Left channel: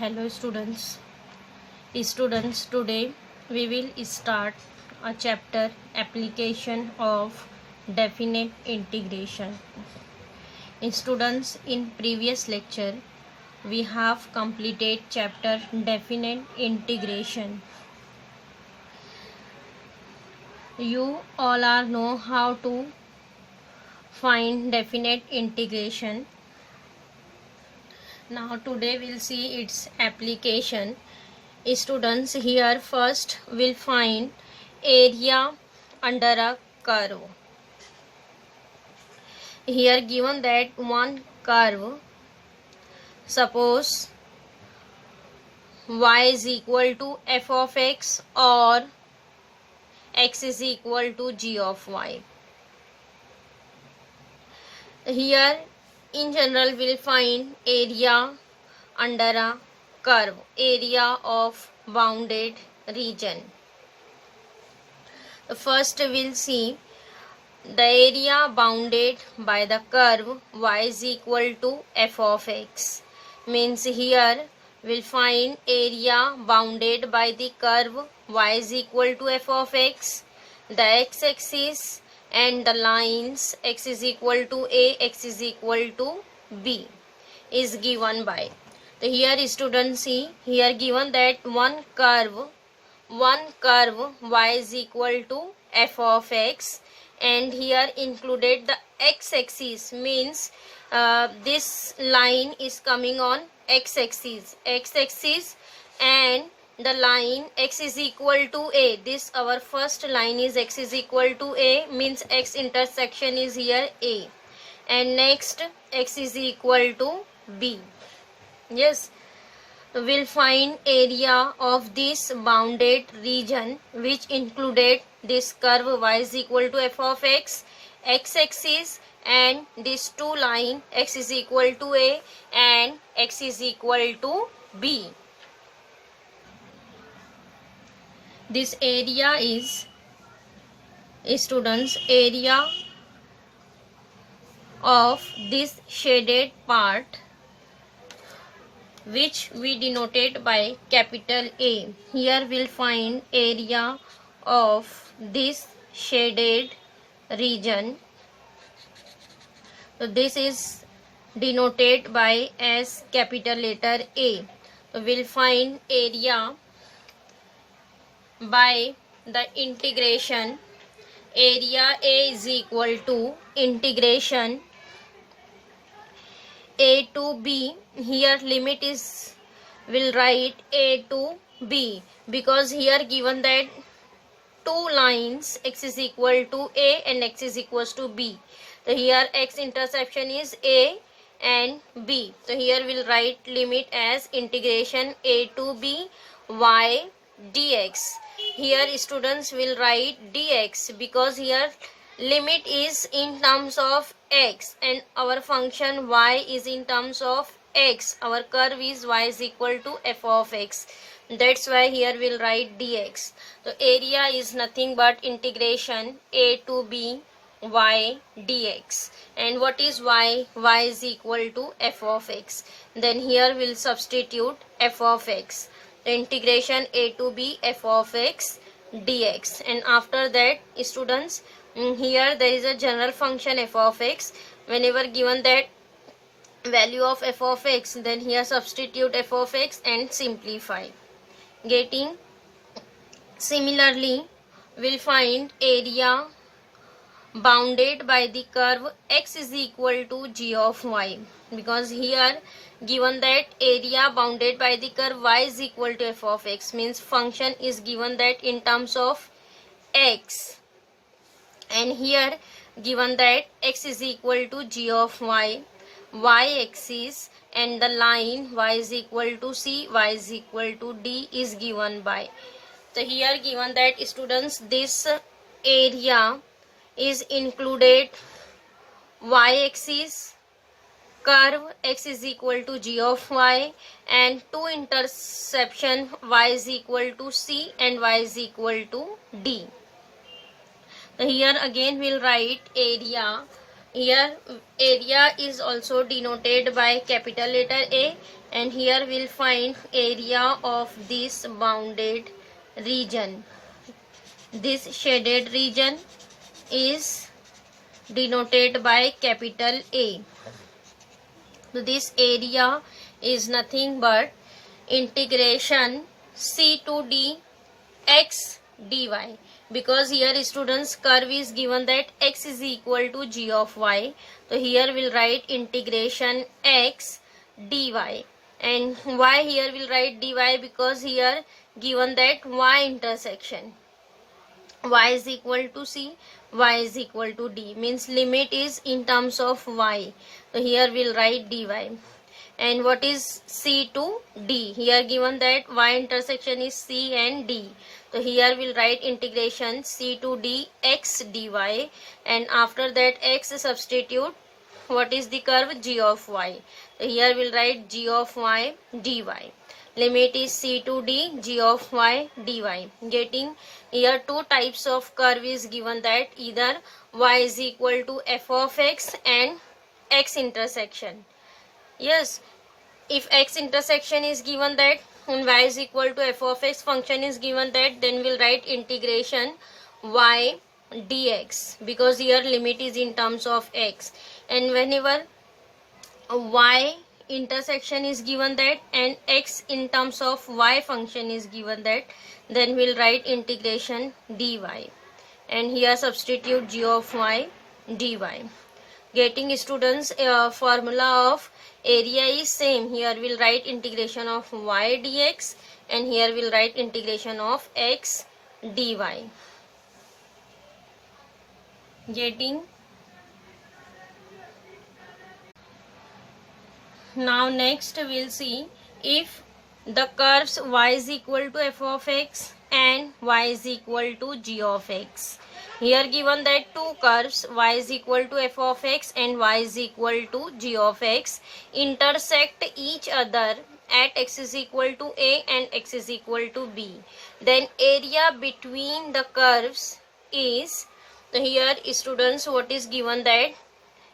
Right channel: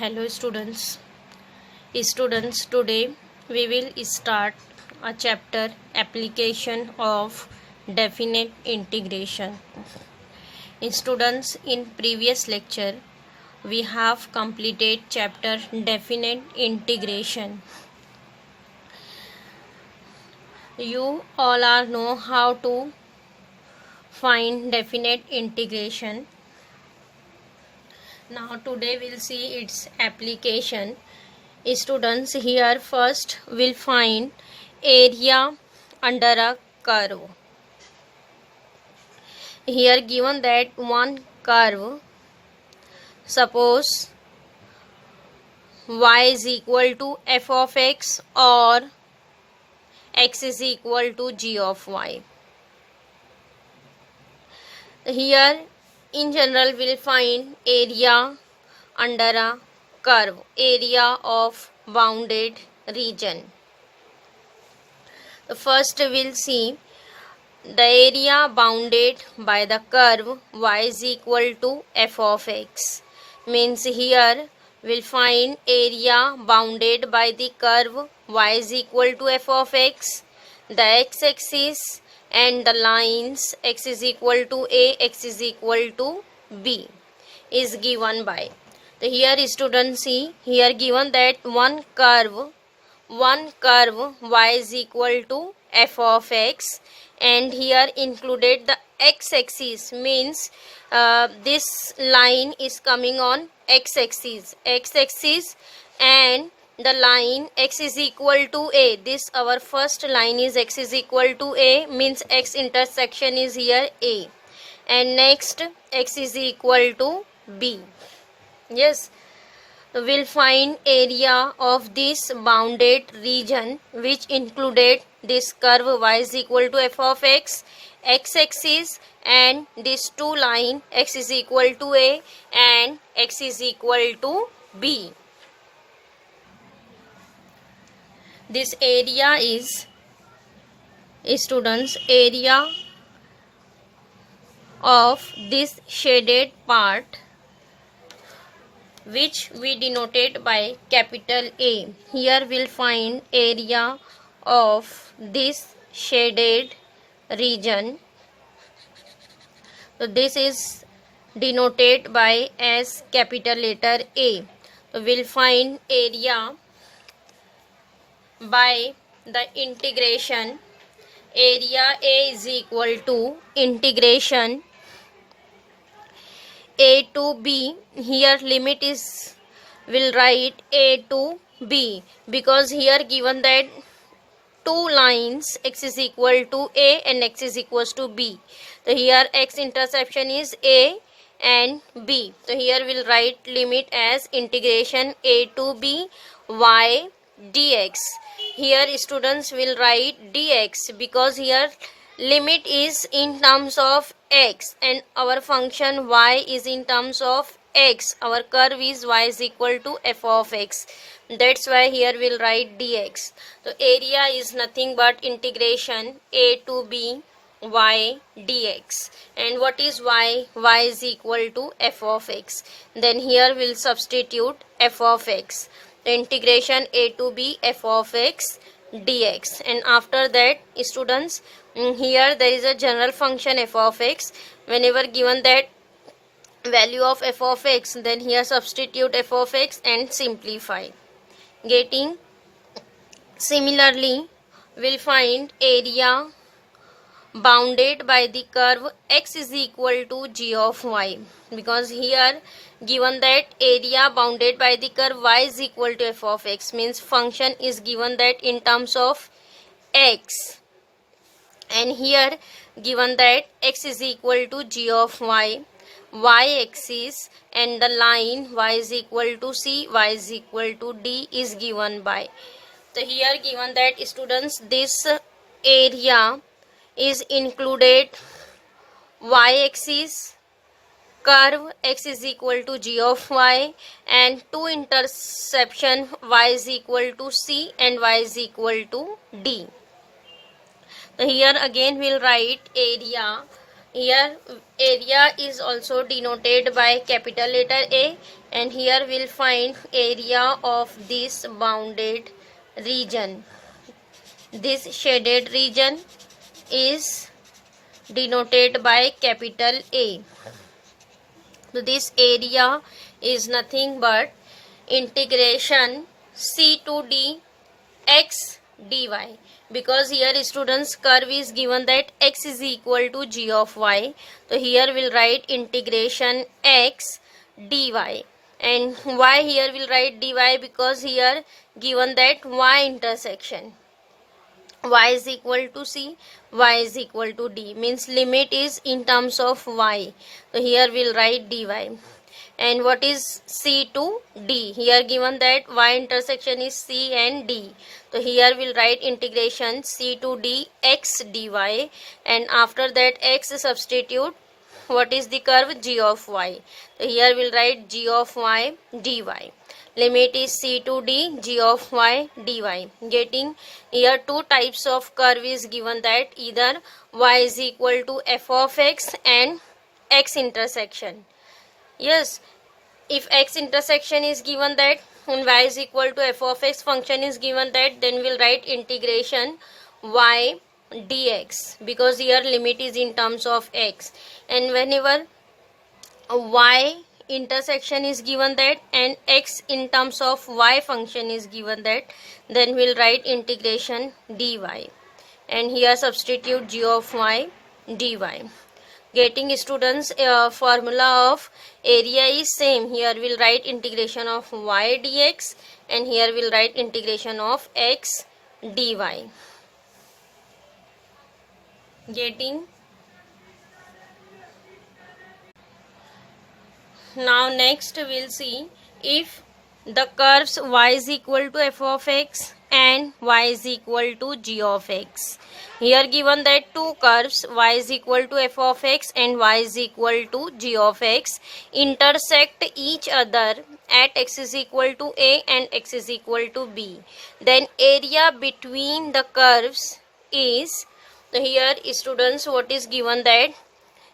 Hello students. Today we will start a chapter application of definite integration. Students, in previous lecture we have completed chapter definite integration. You all are know how to find definite integration. Now today we'll see its application. Students, here first we'll find area under a curve. Here given that one curve, suppose y is equal to f of x or x is equal to g of y. Here in general we'll find area under a curve, area of bounded region. First we'll see the area bounded by the curve y is equal to f of x. Means here we'll find area bounded by the curve y is equal to f of x, the x-axis and the lines x is equal to a, x is equal to b is given by. So here students see, here given that one curve y is equal to f of x, and here included the x-axis, means this line is coming on x-axis and the line x is equal to a. This our first line is x is equal to a, means x intersection is here a, and next x is equal to b. Yes, we'll find area of this bounded region which included this curve y is equal to f of x, x-axis and this two line x is equal to a and x is equal to b. This area is, students, area of this shaded part which we denoted by capital A. Here we'll find area of this shaded region. So this is denoted by as capital letter A. So we'll find area by the integration. Area A is equal to integration a to b. Here limit is, will write a to b, because here given that two lines x is equal to a and x is equals to b. So here x intersection is a and b. So here we'll write limit as integration a to b y dx. Here students will write dx because here limit is in terms of x and our function y is in terms of x. Our curve is y is equal to f of x. That's why here we'll write dx. So area is nothing but integration a to b y dx. And what is y? Y is equal to f of x. Then here we'll substitute f of x. The integration a to b f of x dx. And after that, students, here there is a general function f of x. Whenever given that value of f of x, then here substitute f of x and simplify. Getting similarly, we'll find area bounded by the curve x is equal to g of y, because here given that area bounded by the curve y is equal to f of x, means function is given that in terms of x, and here given that x is equal to g of y, y-axis and the line y is equal to c, y is equal to d is given by. So here given that students, this area is included y-axis, curve x is equal to g of y, and two intersection y is equal to c and y is equal to d. So here again we'll write area Here area is also denoted by capital letter A, and here we'll find area of this bounded region. This shaded region is denoted by capital A. So this area is nothing but integration C to D x dy, because here students curve is given that x is equal to g of y. So here we'll write integration x dy, and why here we'll write dy, because here given that y intersection y is equal to c, y is equal to d, means limit is in terms of y. So here we'll write dy. And what is c to d? Here given that y intersection is c and d. So here we'll write integration c to d x dy, and after that x substitute what is the curve g of y. So here we'll write g of y dy. Limit is c to d g of y dy. Getting here two types of curve is given, that either y is equal to f of x and x intersection. Yes, if x intersection is given that and y is equal to f of x function is given that, then we'll write integration y dx, because here limit is in terms of x. And whenever y intersection is given that and x in terms of y function is given that, then we'll write integration dy, and here substitute g of y dy. Getting students formula of area is same. Here we'll write integration of y dx, and here we'll write integration of x dy. Getting. Now next we'll see if the curves y is equal to f of x and y is equal to g of x. Here given that two curves y is equal to f of x and y is equal to g of x intersect each other at x is equal to a and x is equal to b, then area between the curves is, here students what is given that,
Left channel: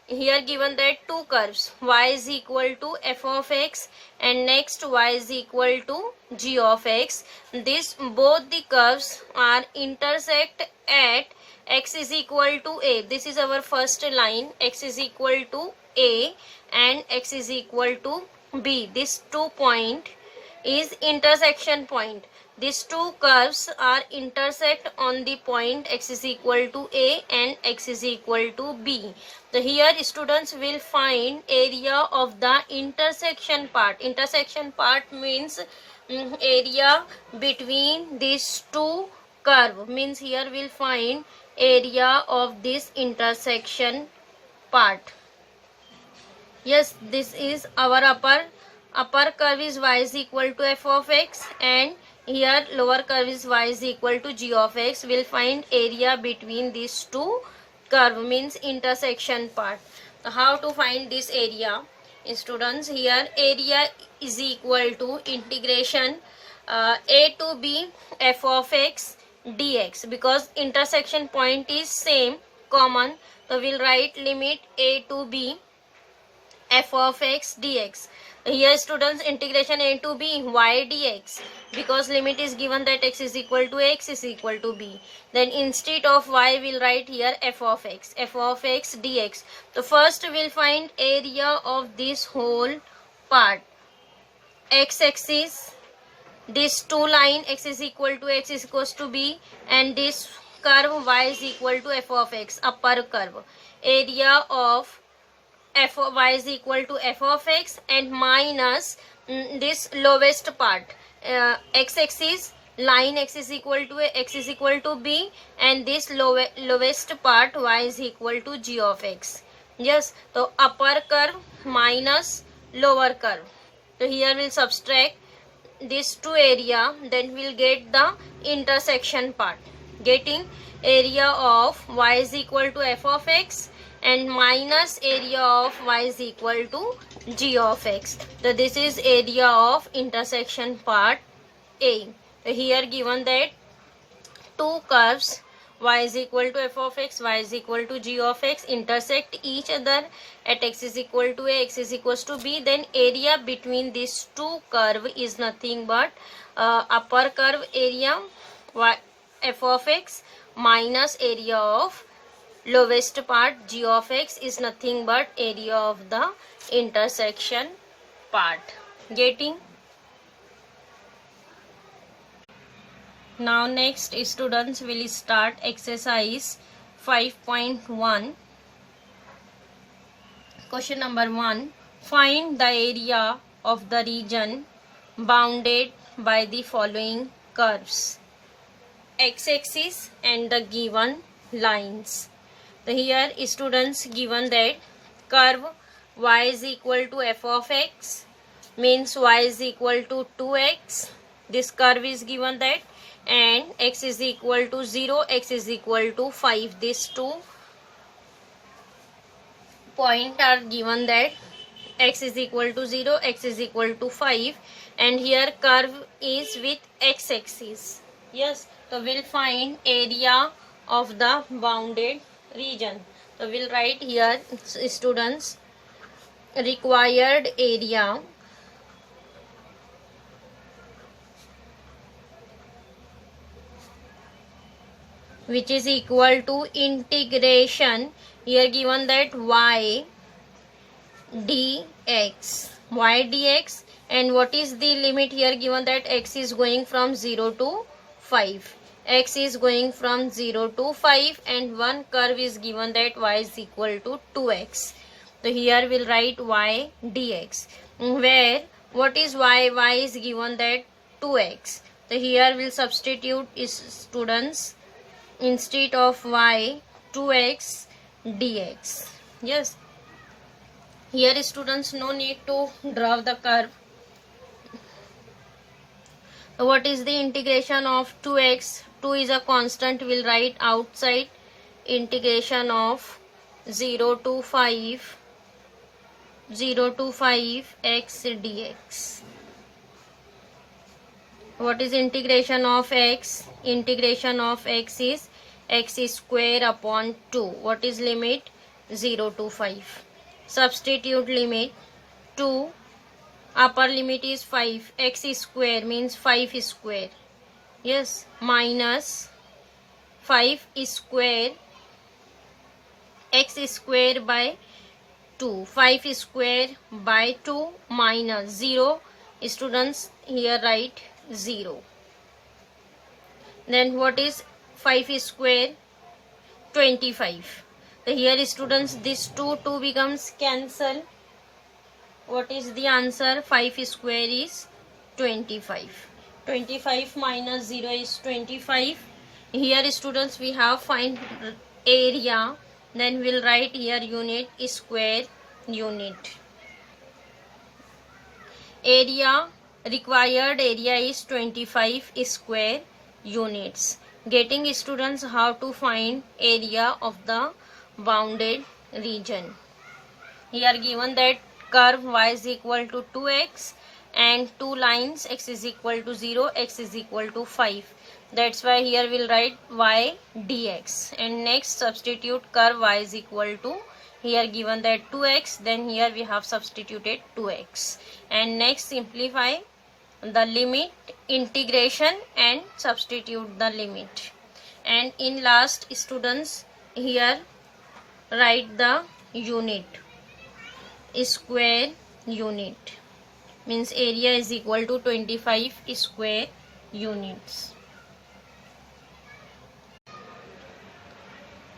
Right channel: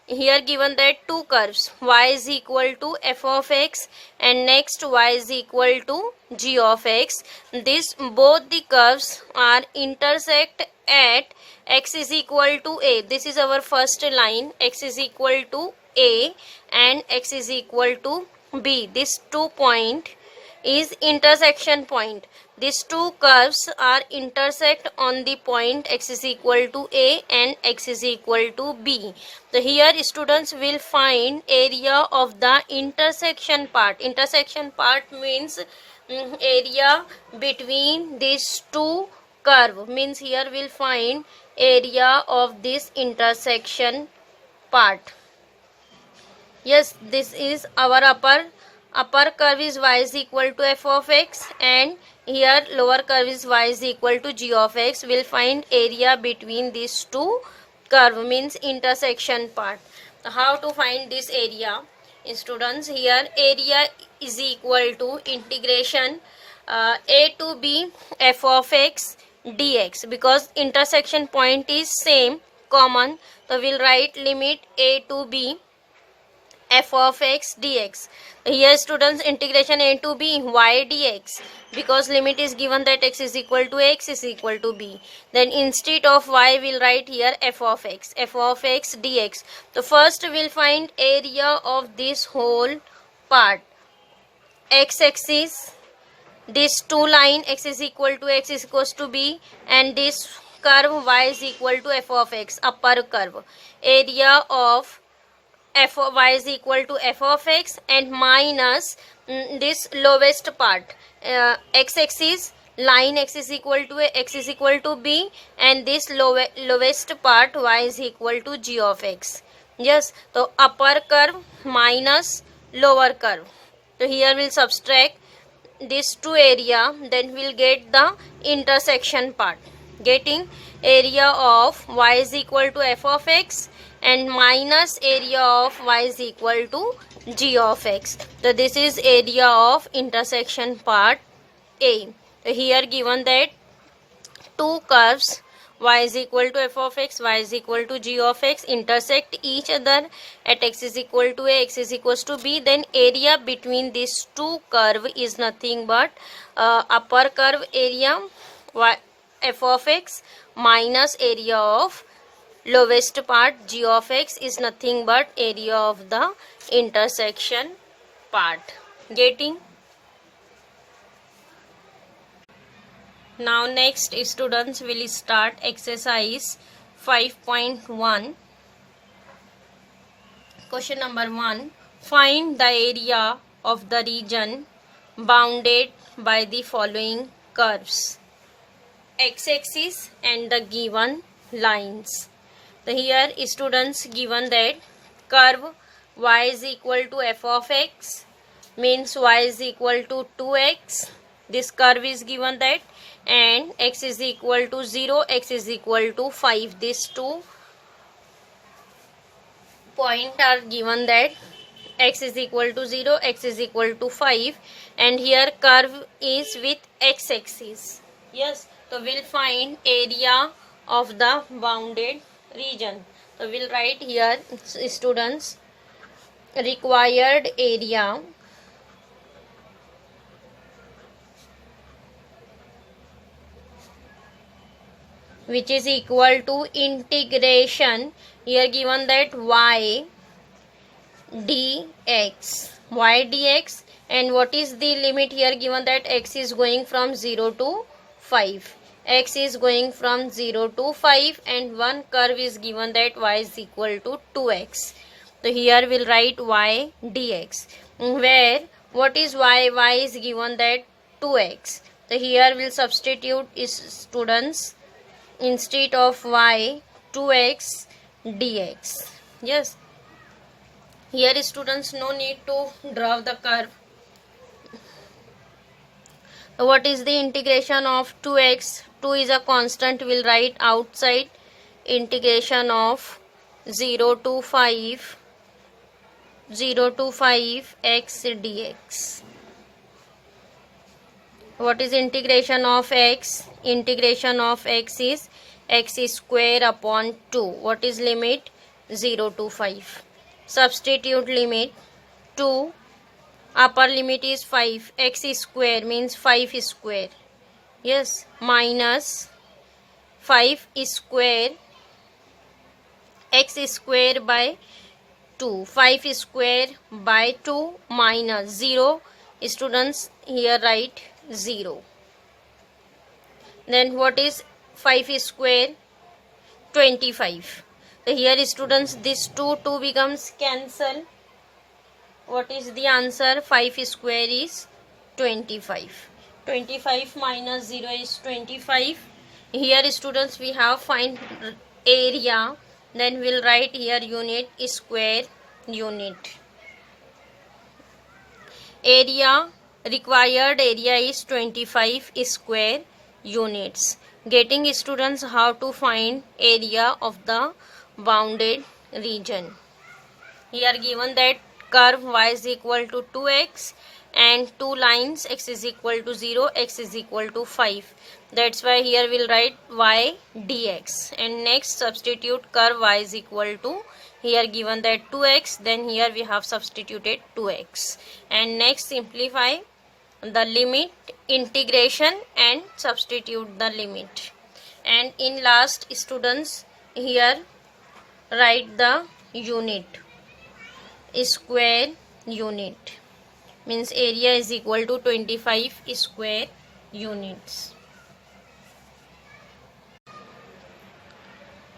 here given that two curves y is equal to f of x and next y is equal to g of x. This both the curves are intersect at x is equal to a. This is our first line, x is equal to a and x is equal to b. This 2 point is intersection point. These two curves are intersect on the point x is equal to a and x is equal to b. So here students will find area of the intersection part. Intersection part means area between these two curve, means here we'll find area of this intersection part. Yes, this is our upper curve is y is equal to f of x, and here lower curve is y is equal to g of x. We'll find area between these two curve, means intersection part. How to find this area? Students, here area is equal to integration a to b f of x dx, because intersection point is same, common. So we'll write limit a to b f of x dx. Here students, integration a to b y dx, because limit is given that x is equal to a, x is equal to b. Then instead of y we'll write here f of x dx. So first we'll find area of this whole part. X axis, this two line x is equal to x is equals to b, and this curve y is equal to f of x, upper curve. Area of f of y is equal to f of x and minus this lowest part, x axis, line x is equal to a, x is equal to b, and this lowest part y is equal to g of x. Yes, so upper curve minus lower curve. So here we'll subtract this two area, then we'll get the intersection part. Getting area of y is equal to f of x and minus area of y is equal to g of x. So this is area of intersection part A. So here given that two curves y is equal to f of x, y is equal to g of x intersect each other at x is equal to a, x is equals to b, then area between these two curve is nothing but upper curve area y f of x minus area of lowest part g of x is nothing but area of the intersection part. Getting? Now next students will start exercise 5.1. Question number 1. Find the area of the region bounded by the following curves, x-axis and the given lines. So here students given that curve y is equal to f of x means y is equal to 2x. This curve is given that, and x is equal to 0, x is equal to 5. These two points are given that x is equal to 0, x is equal to 5, and here curve is with x-axis. Yes, so we'll find area of the bounded region. So we'll write here students required area which is equal to integration, here given that y dx, and what is the limit here given that x is going from 0 to 5, x is going from 0 to 5, and one curve is given that y is equal to 2x. So here we'll write y dx, where what is y is given that 2x. So here we'll substitute is students instead of y 2x dx. Yes, here students no need to draw the curve. What is the integration of 2x? 2 is a constant, we'll write outside. Integration of 0 to 5 x dx. What is integration of x? Integration of x is x square upon 2. What is limit? 0 to 5. Substitute limit 2. Upper limit is 5. X square means 5 square. Yes, minus 5 square x square by 2. 5 square by 2 minus 0. Students here write 0. Then what is 5 square? 25. So here students this 2 becomes cancel. What is the answer? 5 square is 25. 25 minus 0 is 25. Here students we have find area, then we'll write here unit square unit. Area, required area is 25 square units. Getting students how to find area of the bounded region. Here given that curve y is equal to 2x and two lines x is equal to 0, x is equal to 5. That's why here we'll write y dx, and next substitute curve y is equal to, here given that 2x, then here we have substituted 2x, and next simplify the limit, integration, and substitute the limit, and in last students here write the unit square unit, means area is equal to 25 square units.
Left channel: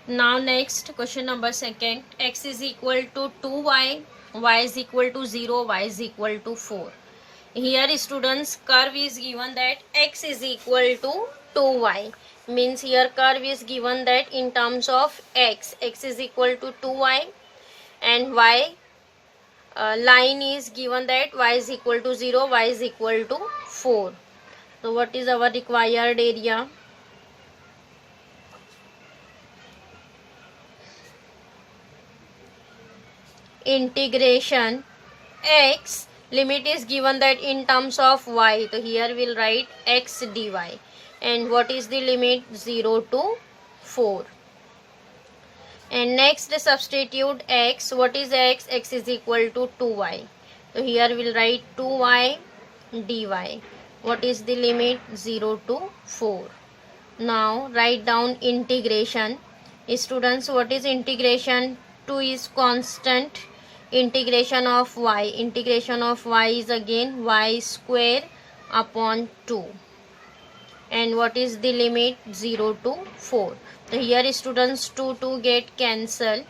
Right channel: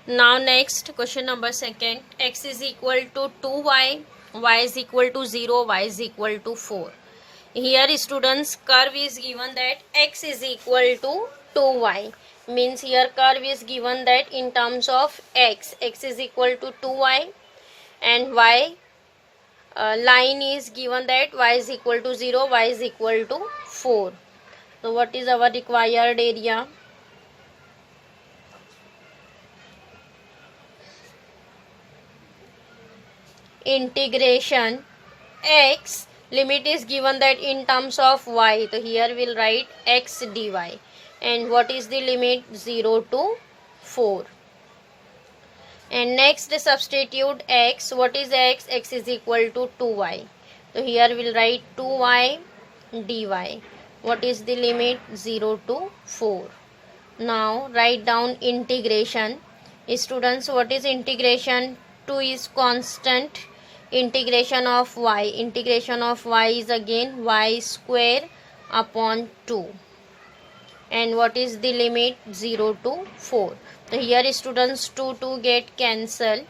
Now next question number 2. X is equal to 2y, y is equal to 0, y is equal to 4. Here students curve is given that x is equal to 2y, means here curve is given that in terms of x is equal to 2y, and y line is given that y is equal to 0, y is equal to 4. So what is our required area? Integration x, limit is given that in terms of y, so here we'll write x dy, and what is the limit? 0 to 4. And next substitute x. What is x? X is equal to 2y. So here we'll write 2y dy. What is the limit? 0 to 4. Now write down integration. Students, what is integration? 2 is constant. Integration of y. Integration of y is again y square upon 2. And what is the limit? 0 to 4. So here students 2 get cancelled.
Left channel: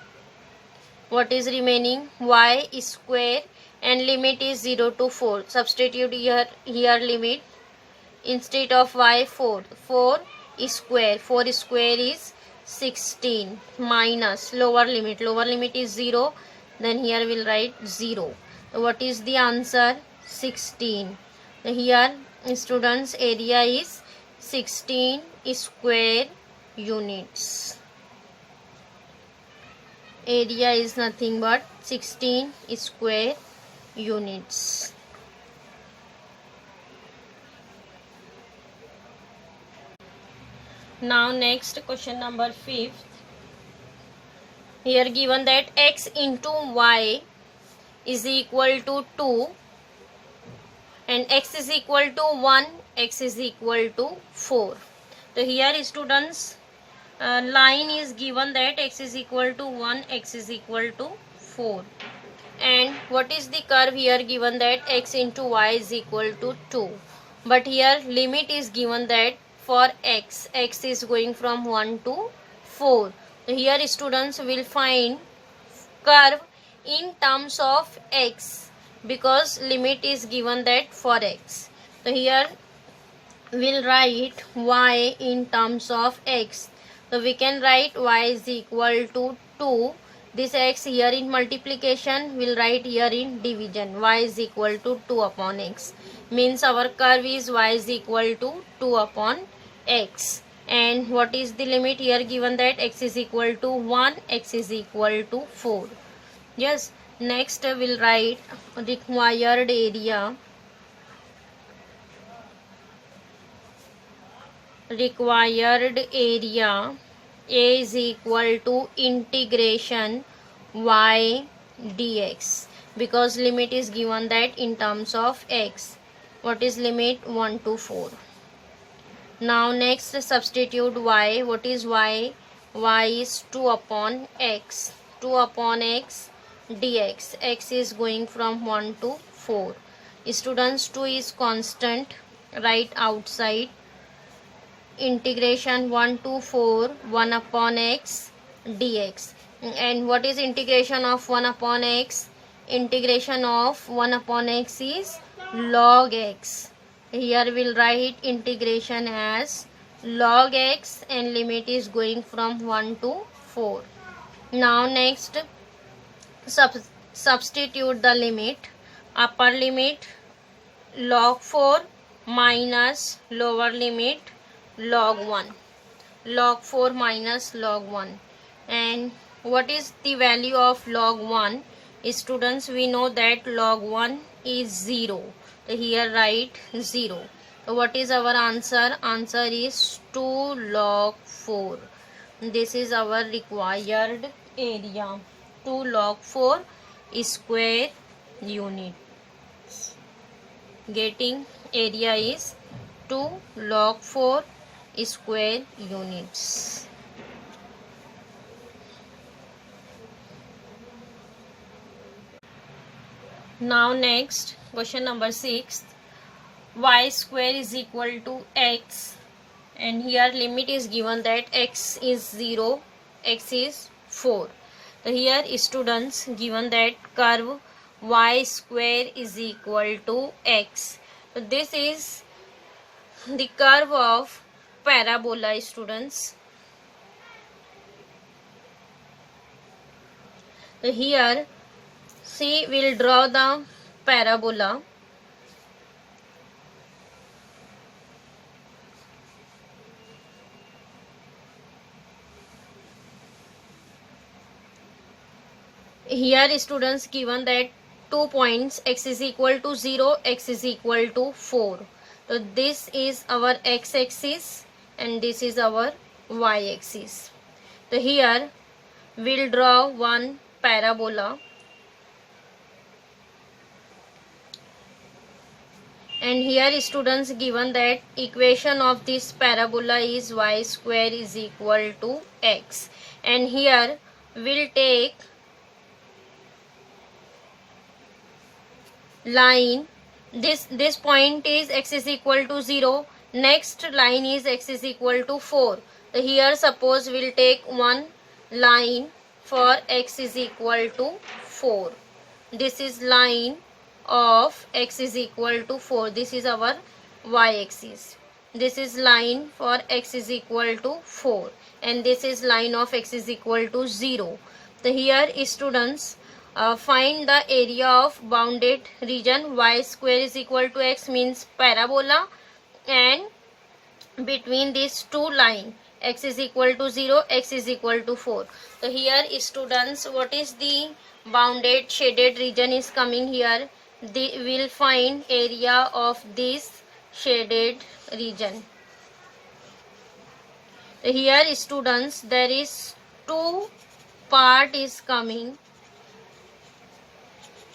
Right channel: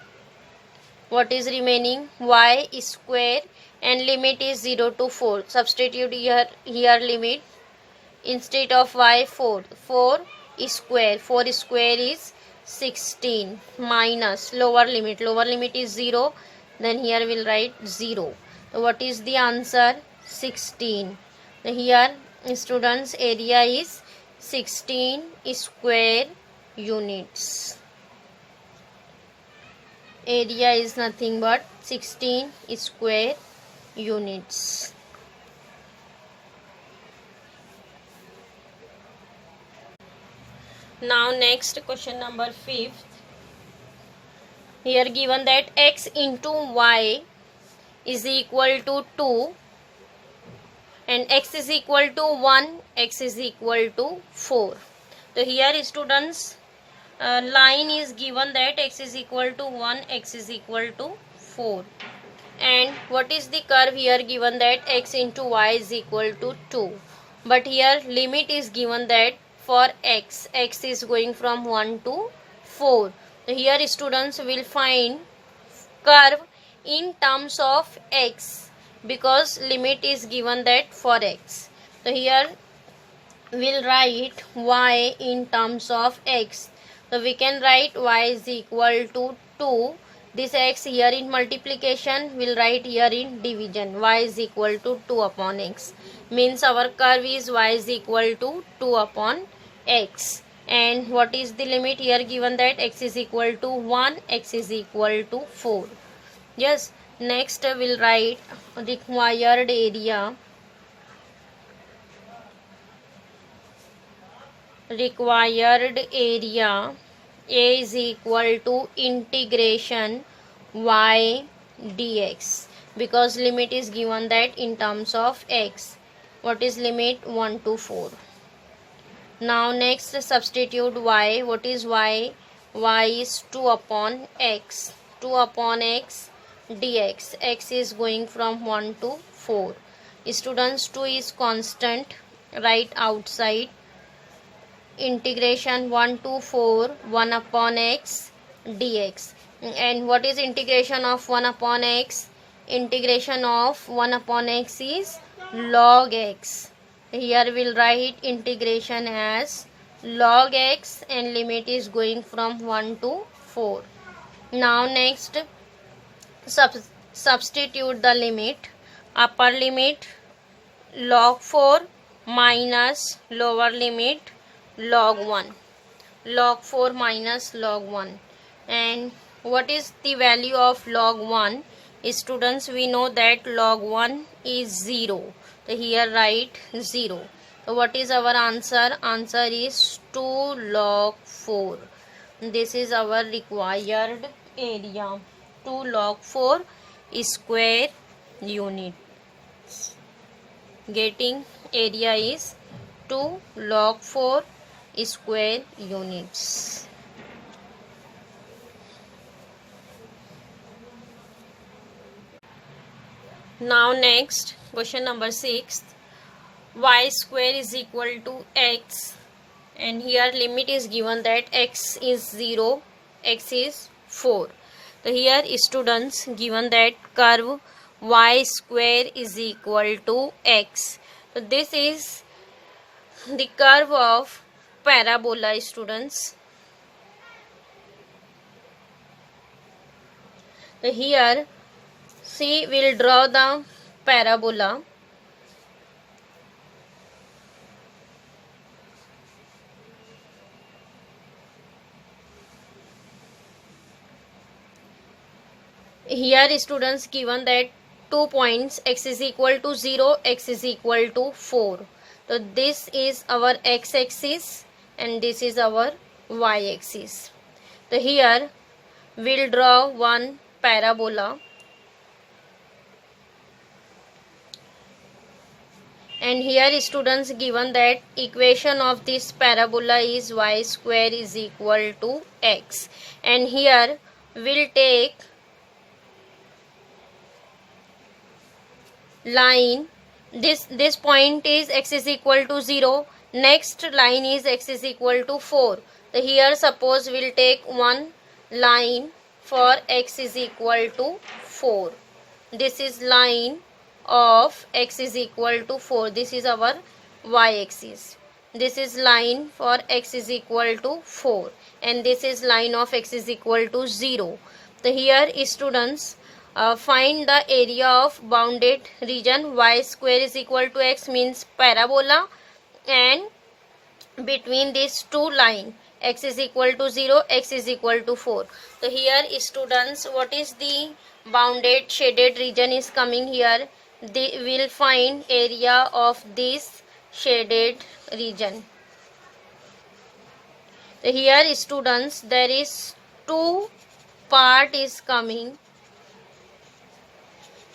What is remaining? Y square and limit is 0 to 4. Substitute here limit. Instead of y 4 square. 4 square is 16 minus lower limit. Lower limit is 0. Then here we'll write 0. So what is the answer? 16. Here students area is 16 square units. Area is nothing but 16 square units. Now next question number 5th. Here given that x into y is equal to 2 and x is equal to 1, x is equal to 4. So here students line is given that x is equal to 1, x is equal to 4. And what is the curve here given that x into y is equal to 2. But here limit is given that for x is going from 1 to 4. So here students will find curve in terms of x because limit is given that for x. So here we'll write y in terms of x. So we can write y is equal to 2. This x here in multiplication, we'll write here in division. Y is equal to 2 upon x. Means our curve is y is equal to 2 upon x. And what is the limit here given that x is equal to 1, x is equal to 4. Yes. Next we'll write required area. Required area A is equal to integration y dx because limit is given that in terms of x. What is limit? 1 to 4. Now next substitute y. What is y? Y is 2 upon x. 2 upon x dx. X is going from 1 to 4. Students 2 is constant. Write outside. Integration 1 to 4 1 upon x dx. And what is integration of 1 upon x? Integration of 1 upon x is log x. Here we'll write integration as log x and limit is going from 1 to 4. Now next substitute the limit. Upper limit log 4 minus lower limit log 1. Log 4 minus log 1. And what is the value of log 1? Students, we know that log 1 is 0. So here write 0. So what is our answer? Answer is 2 log 4. This is our required area. 2 log 4 square units. Getting area is 2 log 4 square units. Now next question number 6. Y square is equal to x and here limit is given that x is 0, x is 4. So here students given that curve y square is equal to x. So this is the curve of parabola students. So here see we'll draw the parabola. Here students given that 2 points x is equal to 0, x is equal to 4. So this is our x-axis and this is our y-axis. So here we'll draw one parabola, and here students given that equation of this parabola is y square is equal to x, and here we'll take line. This point is x is equal to 0, next line is x is equal to 4. So here suppose we'll take one line for x is equal to 4. This is line of x is equal to 4. This is our y-axis. This is line for x is equal to 4, and this is line of x is equal to 0. So here students find the area of bounded region. Y square is equal to x means parabola, and between these two lines x is equal to 0, x is equal to 4. So here students, what is the bounded shaded region is coming here? They will find area of this shaded region. So here students, there is two part is coming.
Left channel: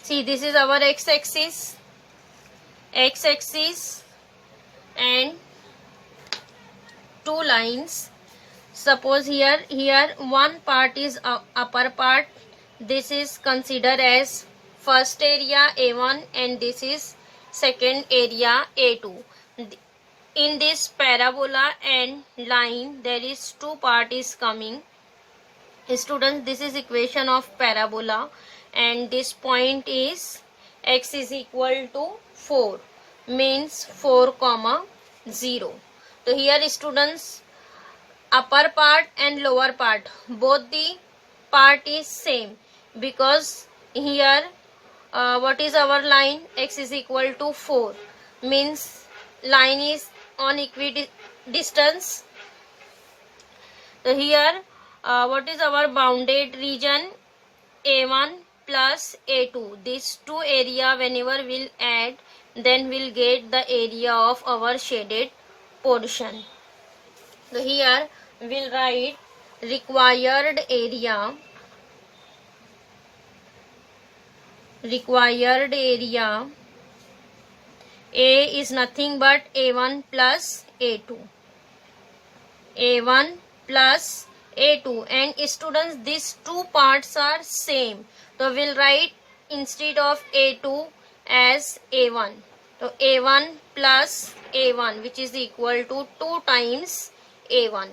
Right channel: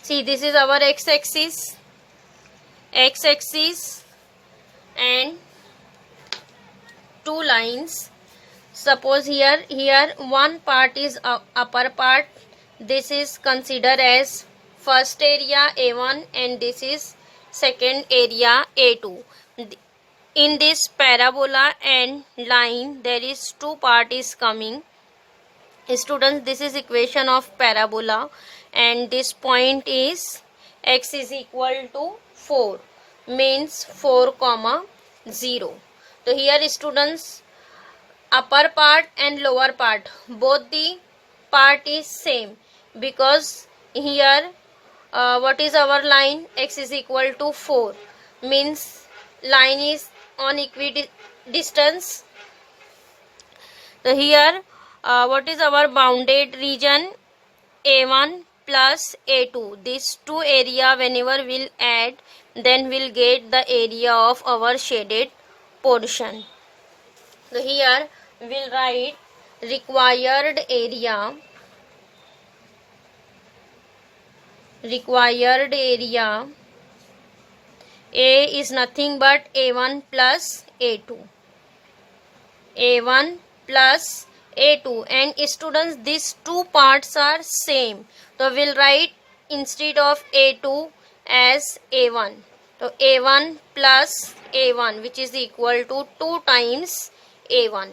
See, this is our x-axis, and two lines. Suppose here one part is upper part. This is considered as first area A1, and this is second area A2. In this parabola and line, there is two part is coming. Students, this is equation of parabola, and this point is x is equal to 4 means 4 comma 0. So here students, upper part and lower part, both the part is same, because here what is our line? X is equal to 4 means line is on equidistance. So here what is our bounded region? A1 plus A2. These two area whenever we'll add, then we'll get the area of our shaded portion. So here we'll write required area. A is nothing but A1 plus A2. A1 plus A2, and students, these two parts are same. So we'll write instead of A2 as A1. So A1 plus A1, which is equal to 2 times A1.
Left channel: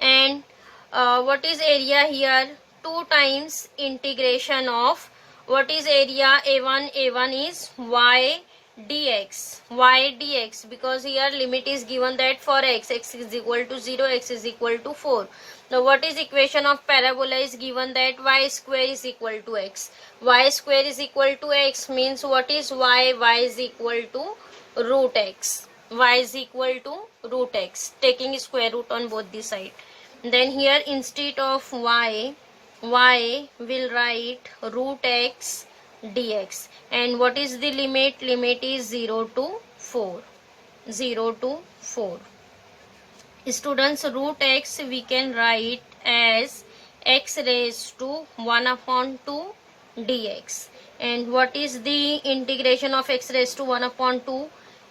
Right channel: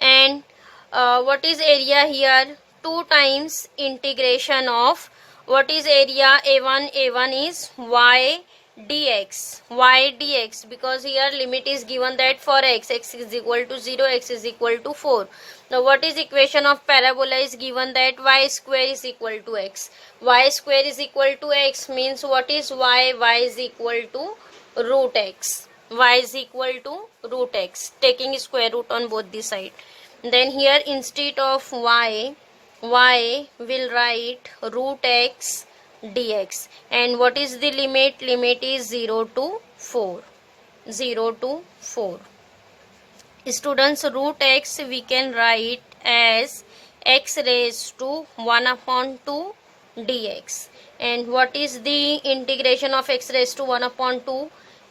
And what is area here? 2 times integration of, what is area A1? A1 is y dx, because here limit is given that for x is equal to 0, x is equal to 4. Now what is equation of parabola is given that y square is equal to x. Y square is equal to x means what is y? Y is equal to root x. Y is equal to root x, taking square root on both the side. Then here instead of y will write root x dx, and what is the limit? Limit is 0 to 4. Students, root x we can write as x raised to 1 upon 2 dx. And what is the integration of x raised to 1 upon 2?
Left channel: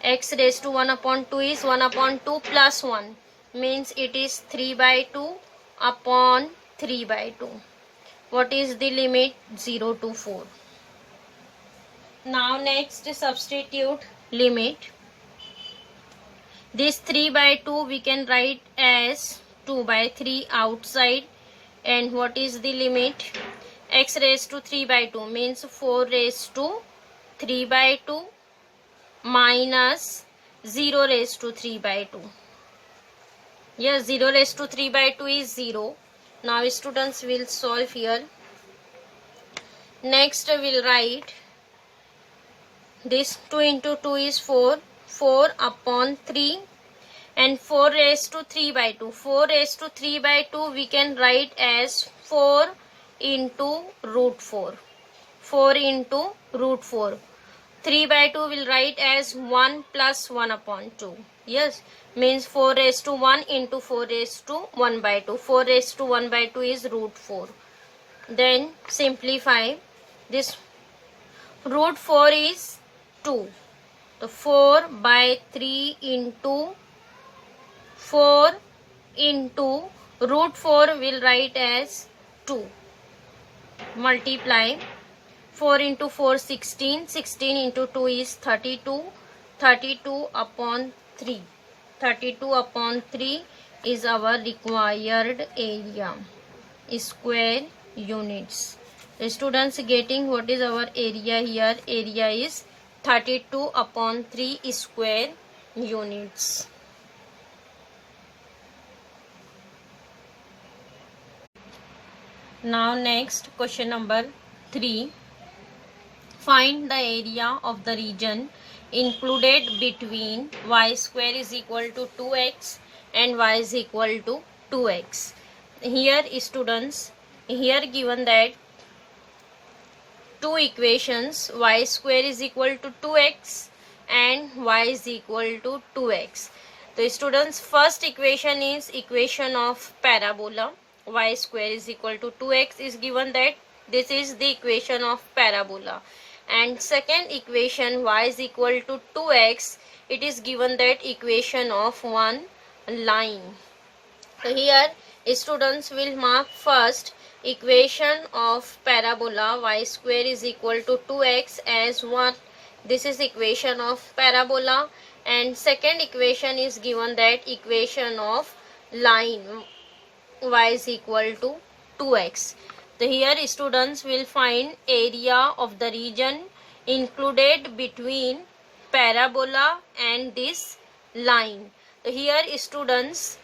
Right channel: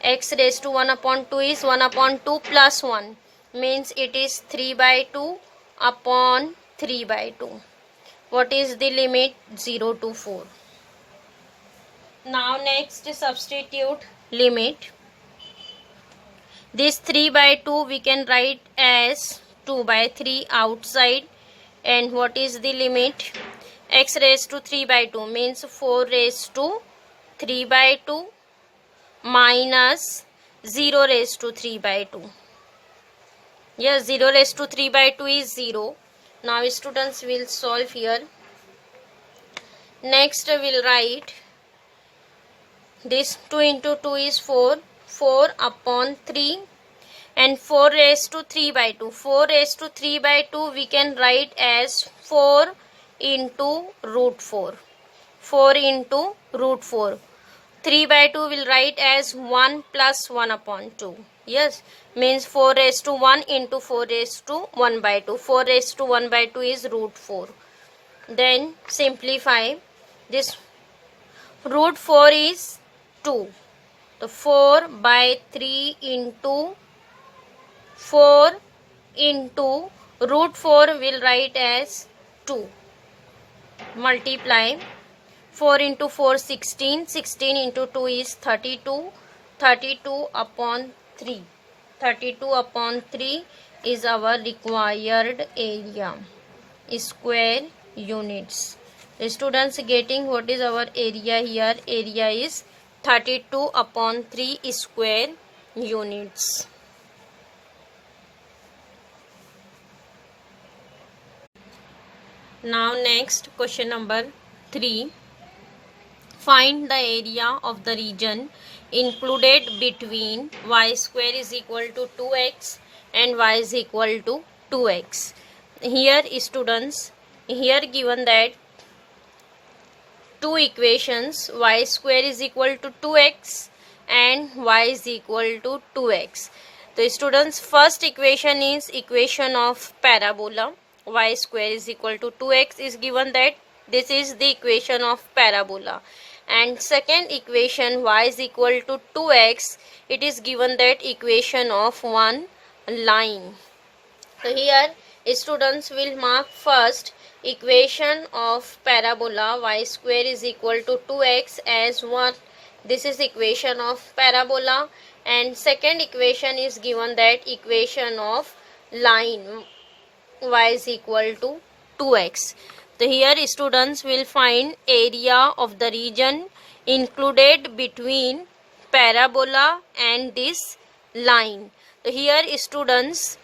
X raised to 1 upon 2 is 1 upon 2 plus 1, means it is 3 by 2 upon 3 by 2. What is the limit? 0 to 4. Now next substitute limit. This 3 by 2 we can write as 2 by 3 outside, and what is the limit? X raised to 3 by 2 means 4 raised to 3 by 2 minus 0 raised to 3 by 2. Yes, 0 raised to 3 by 2 is 0. Now students will solve here. Next we'll write this 2 into 2 is 4 upon 3, and 4 raised to 3 by 2. 4 raised to 3 by 2 we can write as 4 into root 4. 4 into root 4. 3 by 2 will write as 1 plus 1 upon 2. Yes, means 4 raised to 1 into 4 raised to 1 by 2. 4 raised to 1 by 2 is root 4. Then simplify this. Root 4 is 2. So 4 by 3 into 4 into root 4 will write as 2. Multiply 4 into 4 16. 16 into 2 is 32. 32 upon 3. 32 upon 3 is our required area. Square units. The students getting what is our area here? Area is 32 upon 3 square units. Now next question number 3. Find the area of the region included between y square is equal to 2x and y is equal to 2x. Here students, here given that two equations, y square is equal to 2x and y is equal to 2x. The students, first equation is equation of parabola. Y square is equal to 2x is given that this is the equation of parabola. And second equation, y is equal to 2x, it is given that equation of one line. So here students will mark first equation of parabola y square is equal to 2x as what? This is equation of parabola. And second equation is given that equation of line y is equal to 2x. So here students will find area of the region included between parabola and this line. So here students,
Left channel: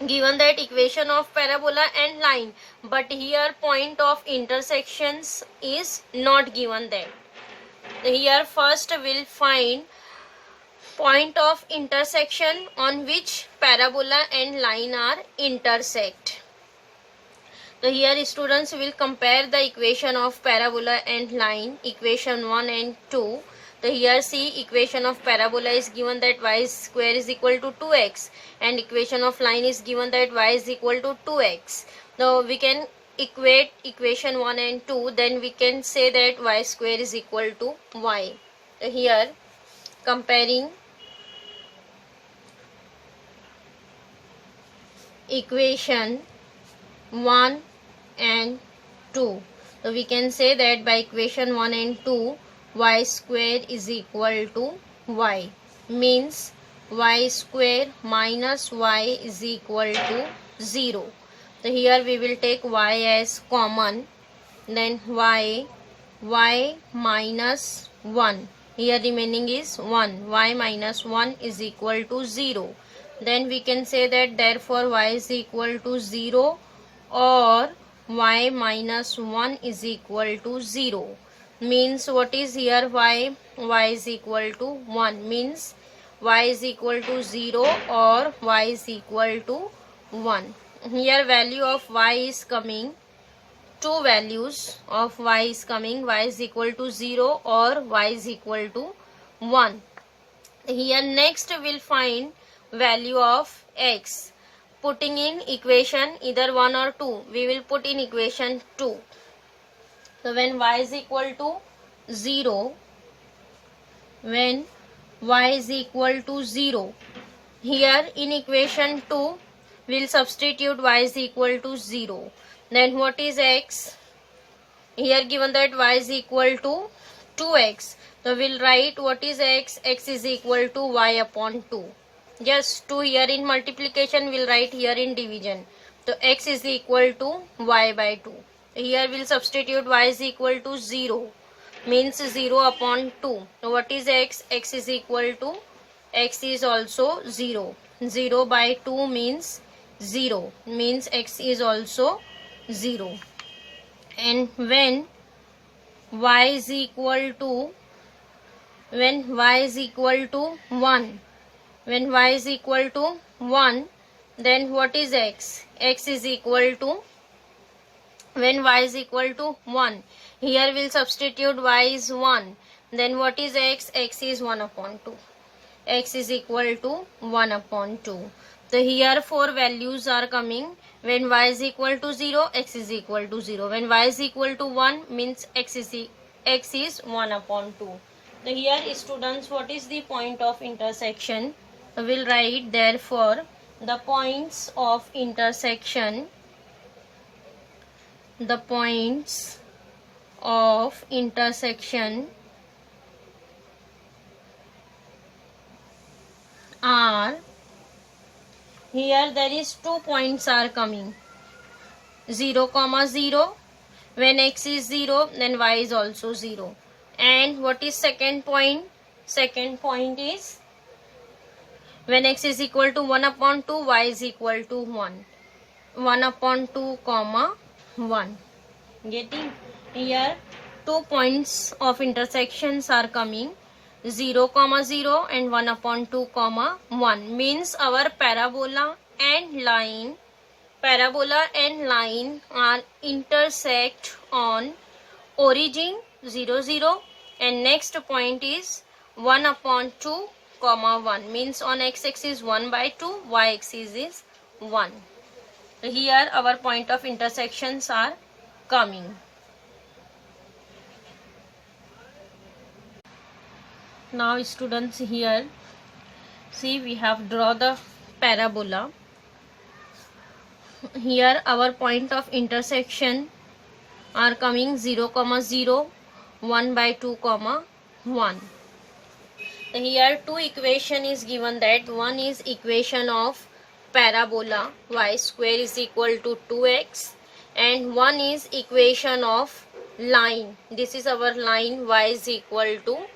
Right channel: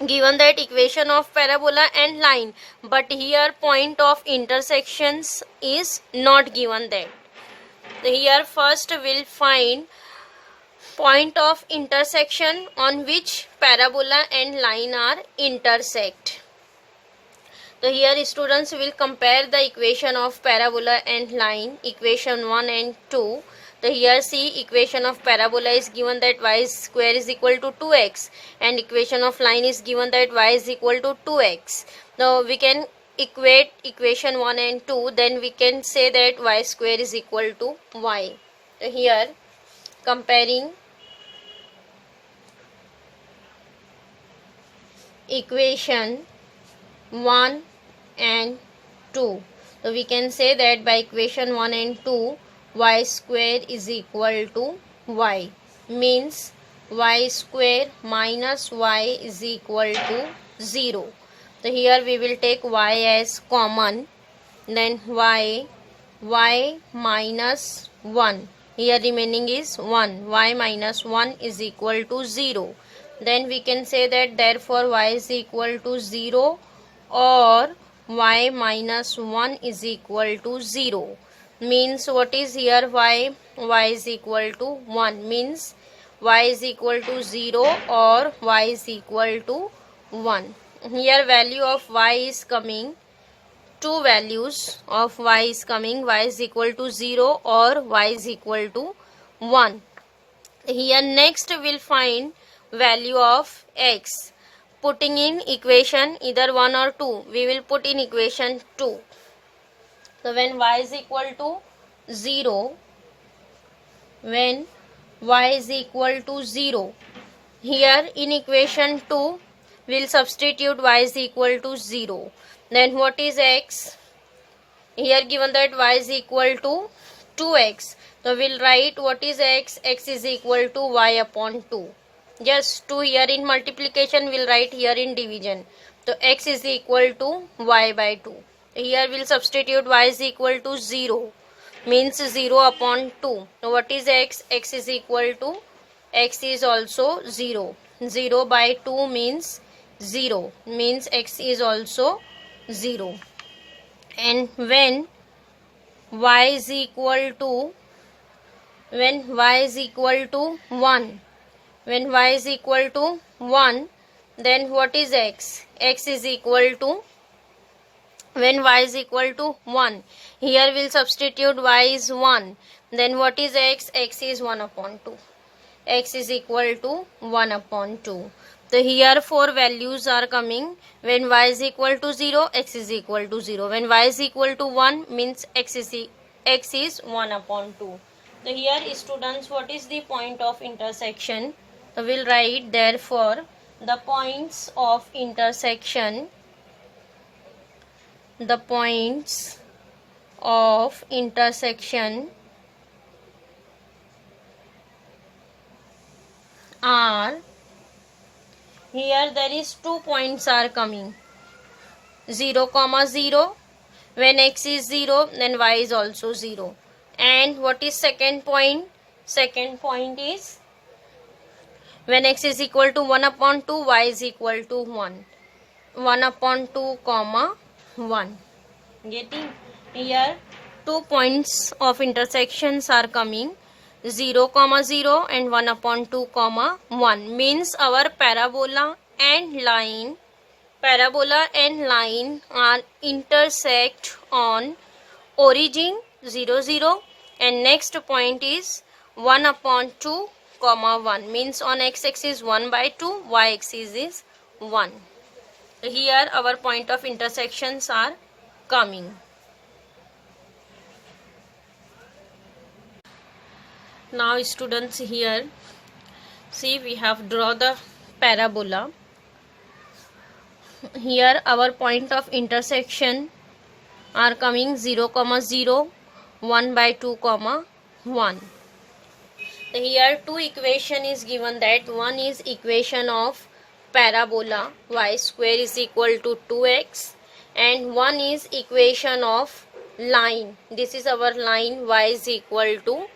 given that equation of parabola and line, but here point of intersections is not given that. So here first we'll find point of intersection on which parabola and line are intersect. So here students will compare the equation of parabola and line, equation 1 and 2. So here see, equation of parabola is given that y square is equal to 2x and equation of line is given that y is equal to 2x. Now we can equate equation 1 and 2, then we can say that y square is equal to y. So here comparing equation 1 and 2. So we can say that by equation 1 and 2, y square is equal to y, means y square minus y is equal to 0. So here we will take y as common, then y minus 1, here remaining is 1, y minus 1 is equal to 0. Then we can say that therefore y is equal to 0 or y minus 1 is equal to 0. Means what is here y is equal to 1, means y is equal to 0 or y is equal to 1. Here value of y is coming, two values of y is coming, y is equal to 0 or y is equal to 1. Here next we'll find value of x. Putting in equation either 1 or 2, we will put in equation 2. So when y is equal to 0, when y is equal to 0, here in equation 2, we will substitute y is equal to 0. Then what is x? Here given that y is equal to 2x. So we will write what is x? X is equal to y upon 2. Just 2 here in multiplication, we will write here in division. So x is equal to y by 2. Here we will substitute y is equal to 0, means 0 upon 2. So what is x? X is equal to, x is also 0. 0 by 2 means 0, means x is also 0. And when y is equal to, when y is equal to 1, when y is equal to 1, then what is x? X is equal to, when y is equal to 1, here we will substitute y is 1. Then what is x? X is 1 upon 2. x is equal to 1 upon 2. So here 4 values are coming. When y is equal to 0, x is equal to 0. When y is equal to 1 means x is 1 upon 2. So here students, what is the point of intersection? So we'll write therefore the points of intersection, the points of intersection are, here there is 2 points are coming, 0 comma 0. When x is 0 then y is also 0. And what is second point? Second point is when x is equal to 1 upon 2, y is equal to 1. 1 upon 2 comma 1. Getting? Here 2 points of intersections are coming, 0 comma 0 and 1 upon 2 comma 1. Means our parabola and line are intersect on origin 0 0, and next point is 1 upon 2 comma 1. Means on x-axis 1 by 2, y-axis is 1. Here our point of intersections are coming. Now students, here see we have draw the parabola. Here our point of intersection are coming 0 comma 0, 1 by 2 comma 1. Here two equation is given, that one is equation of parabola y square is equal to 2x, and one is equation of line. This is our line, y is equal to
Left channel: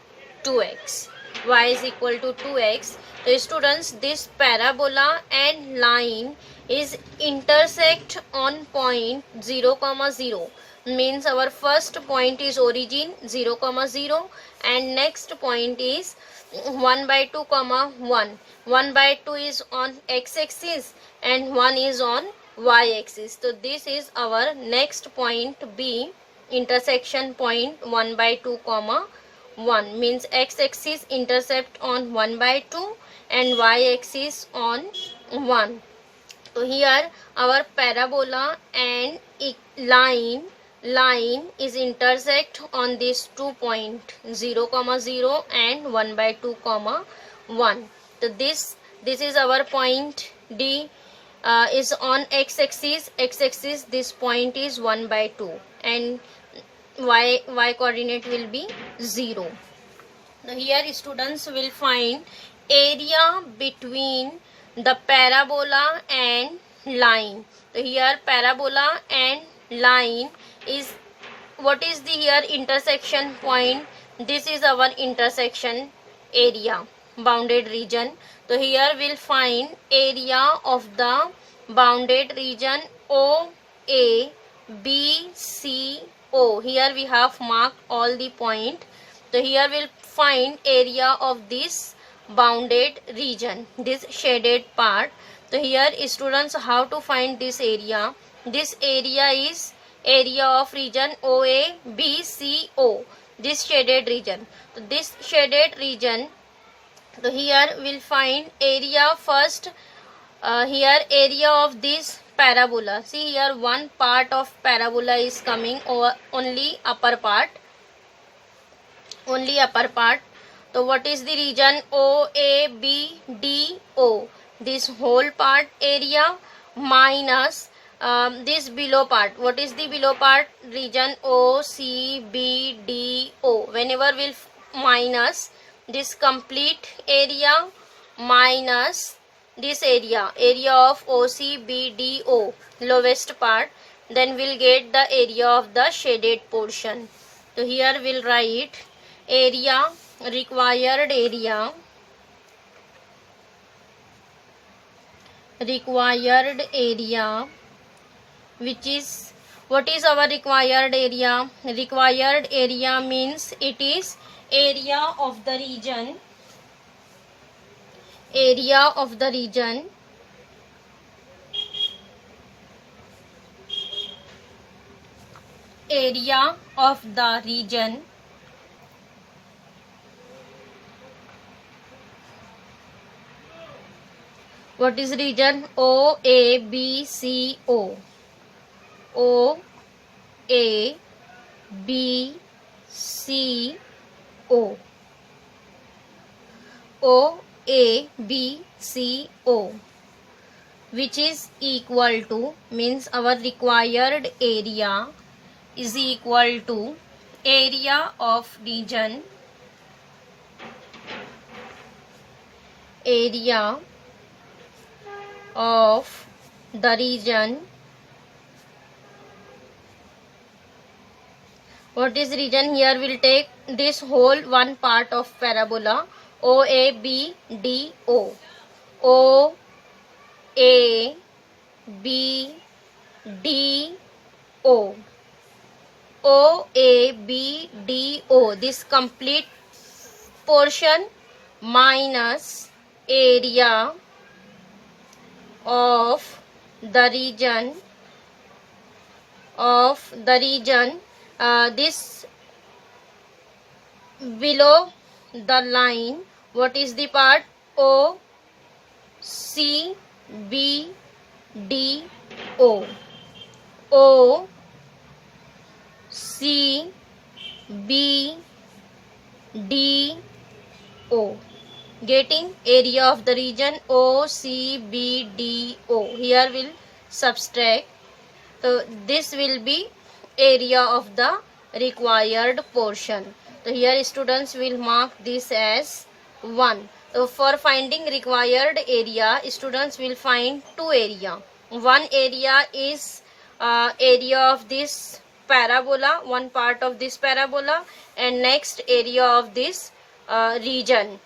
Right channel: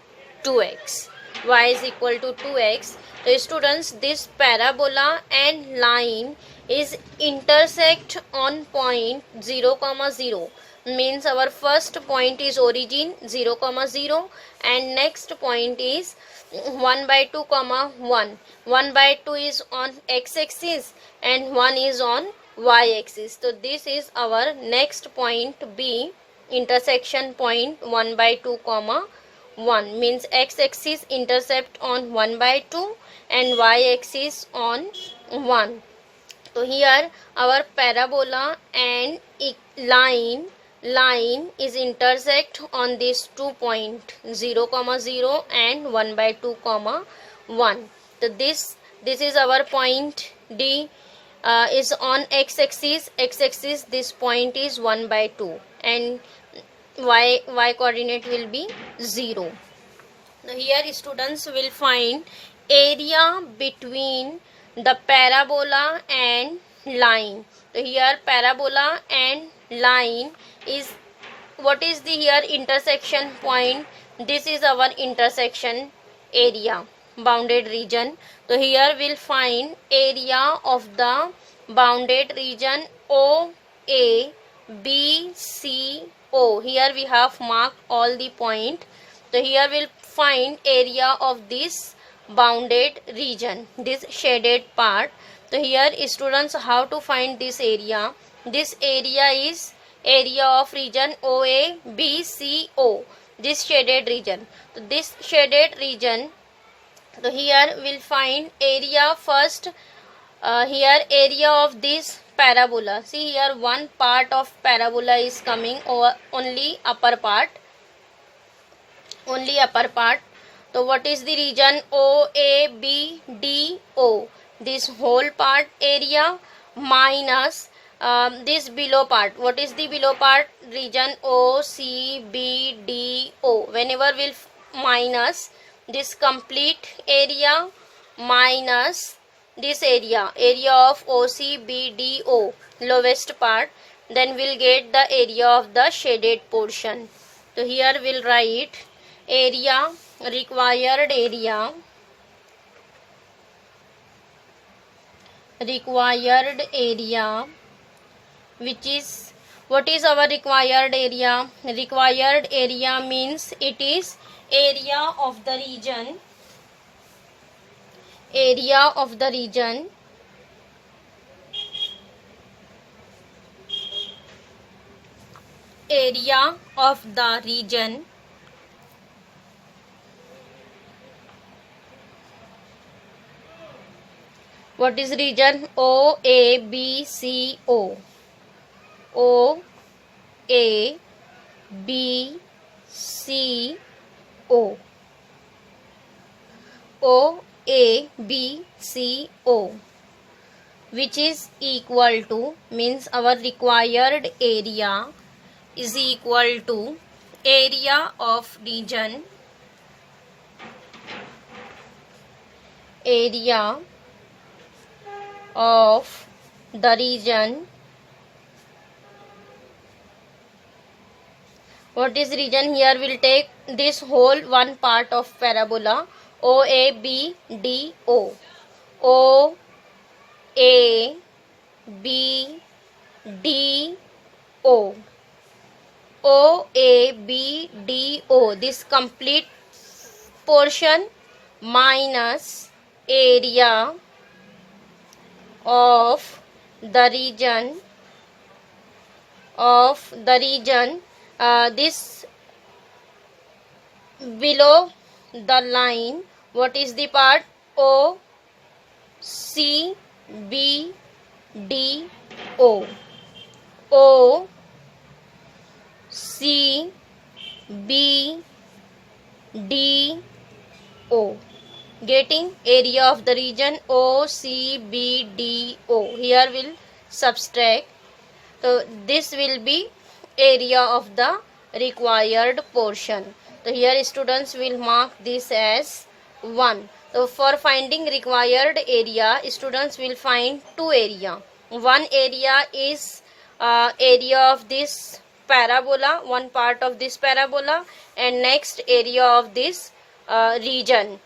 2x. Y is equal to 2x. So students, this parabola and line is intersect on point 0 comma 0. Means our first point is origin 0 comma 0, and next point is 1 by 2 comma 1. 1 by 2 is on x-axis and 1 is on y-axis. So this is our next point B, intersection point 1 by 2 comma 1. Means x-axis intercept on 1 by 2 and y-axis on 1. So here our parabola and line is intersect on this 2 point 0 comma 0 and 1 by 2 comma 1. So this is our point D, is on x-axis. X-axis this point is 1 by 2 and y coordinate will be 0. Now here students will find area between the parabola and line. So here parabola and line is, what is the here intersection point? This is our intersection area, bounded region. So here we'll find area of the bounded region OA, B, C, O. Here we have marked all the point. So here we'll find area of this bounded region, this shaded part. So here students, how to find this area? This area is area of region OA, B, C, O. This shaded region. So this shaded region. So here we'll find area first. Here area of this parabola. See here one part of parabola is coming over, only upper part. Only upper part. So what is the region O, A, B, D, O? This whole part area minus this below part. What is the below part? Region O, C, B, D, O. Whenever we'll minus this complete area minus this area of OC, B, D, O, lowest part, then we'll get the area of the shaded portion. So here we'll write area, required area which is, what is our required area? Required area means it is area of the region, area of the region What is region? O A B C O. O A B C O. O A B C O, which is equal to, means our required area is equal to area of region, area of the region. What is region? Here we'll take this whole one part of parabola O A B D O. O A B D O. O A B D O. This complete portion minus area of the region this below the line. What is the part? O C B D O. O C B D O. Getting area of the region O C B D O. Here we'll subtract. So this will be area of the required portion. So here students will mark this as 1. So for finding required area, students will find two area. One area is area of this parabola, one part of this parabola, and next area of this region,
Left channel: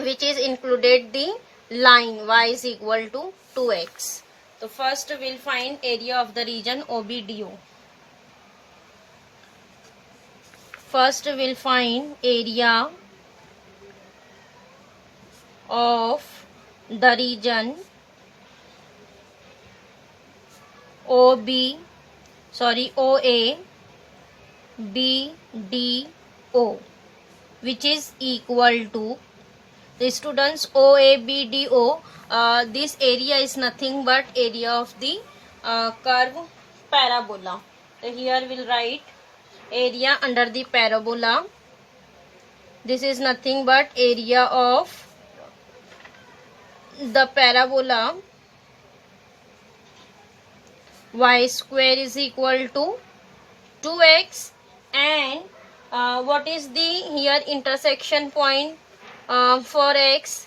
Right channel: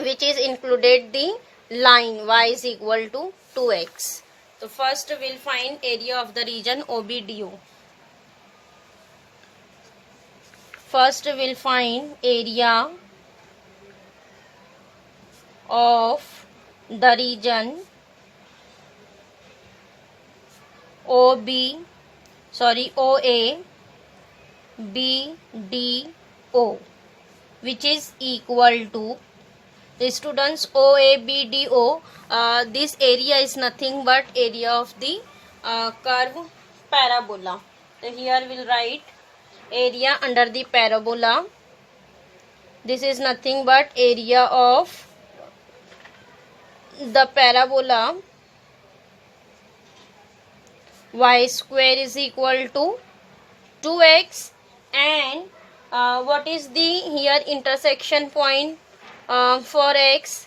which is included the line y is equal to 2x. So first we'll find area of the region OBDO. First we'll find area of the region OA BDO, which is equal to, the students, OABDO, this area is nothing but area of the curve parabola. So here we'll write area under the parabola. This is nothing but area of the parabola. Y square is equal to 2x, and what is the here intersection point for x,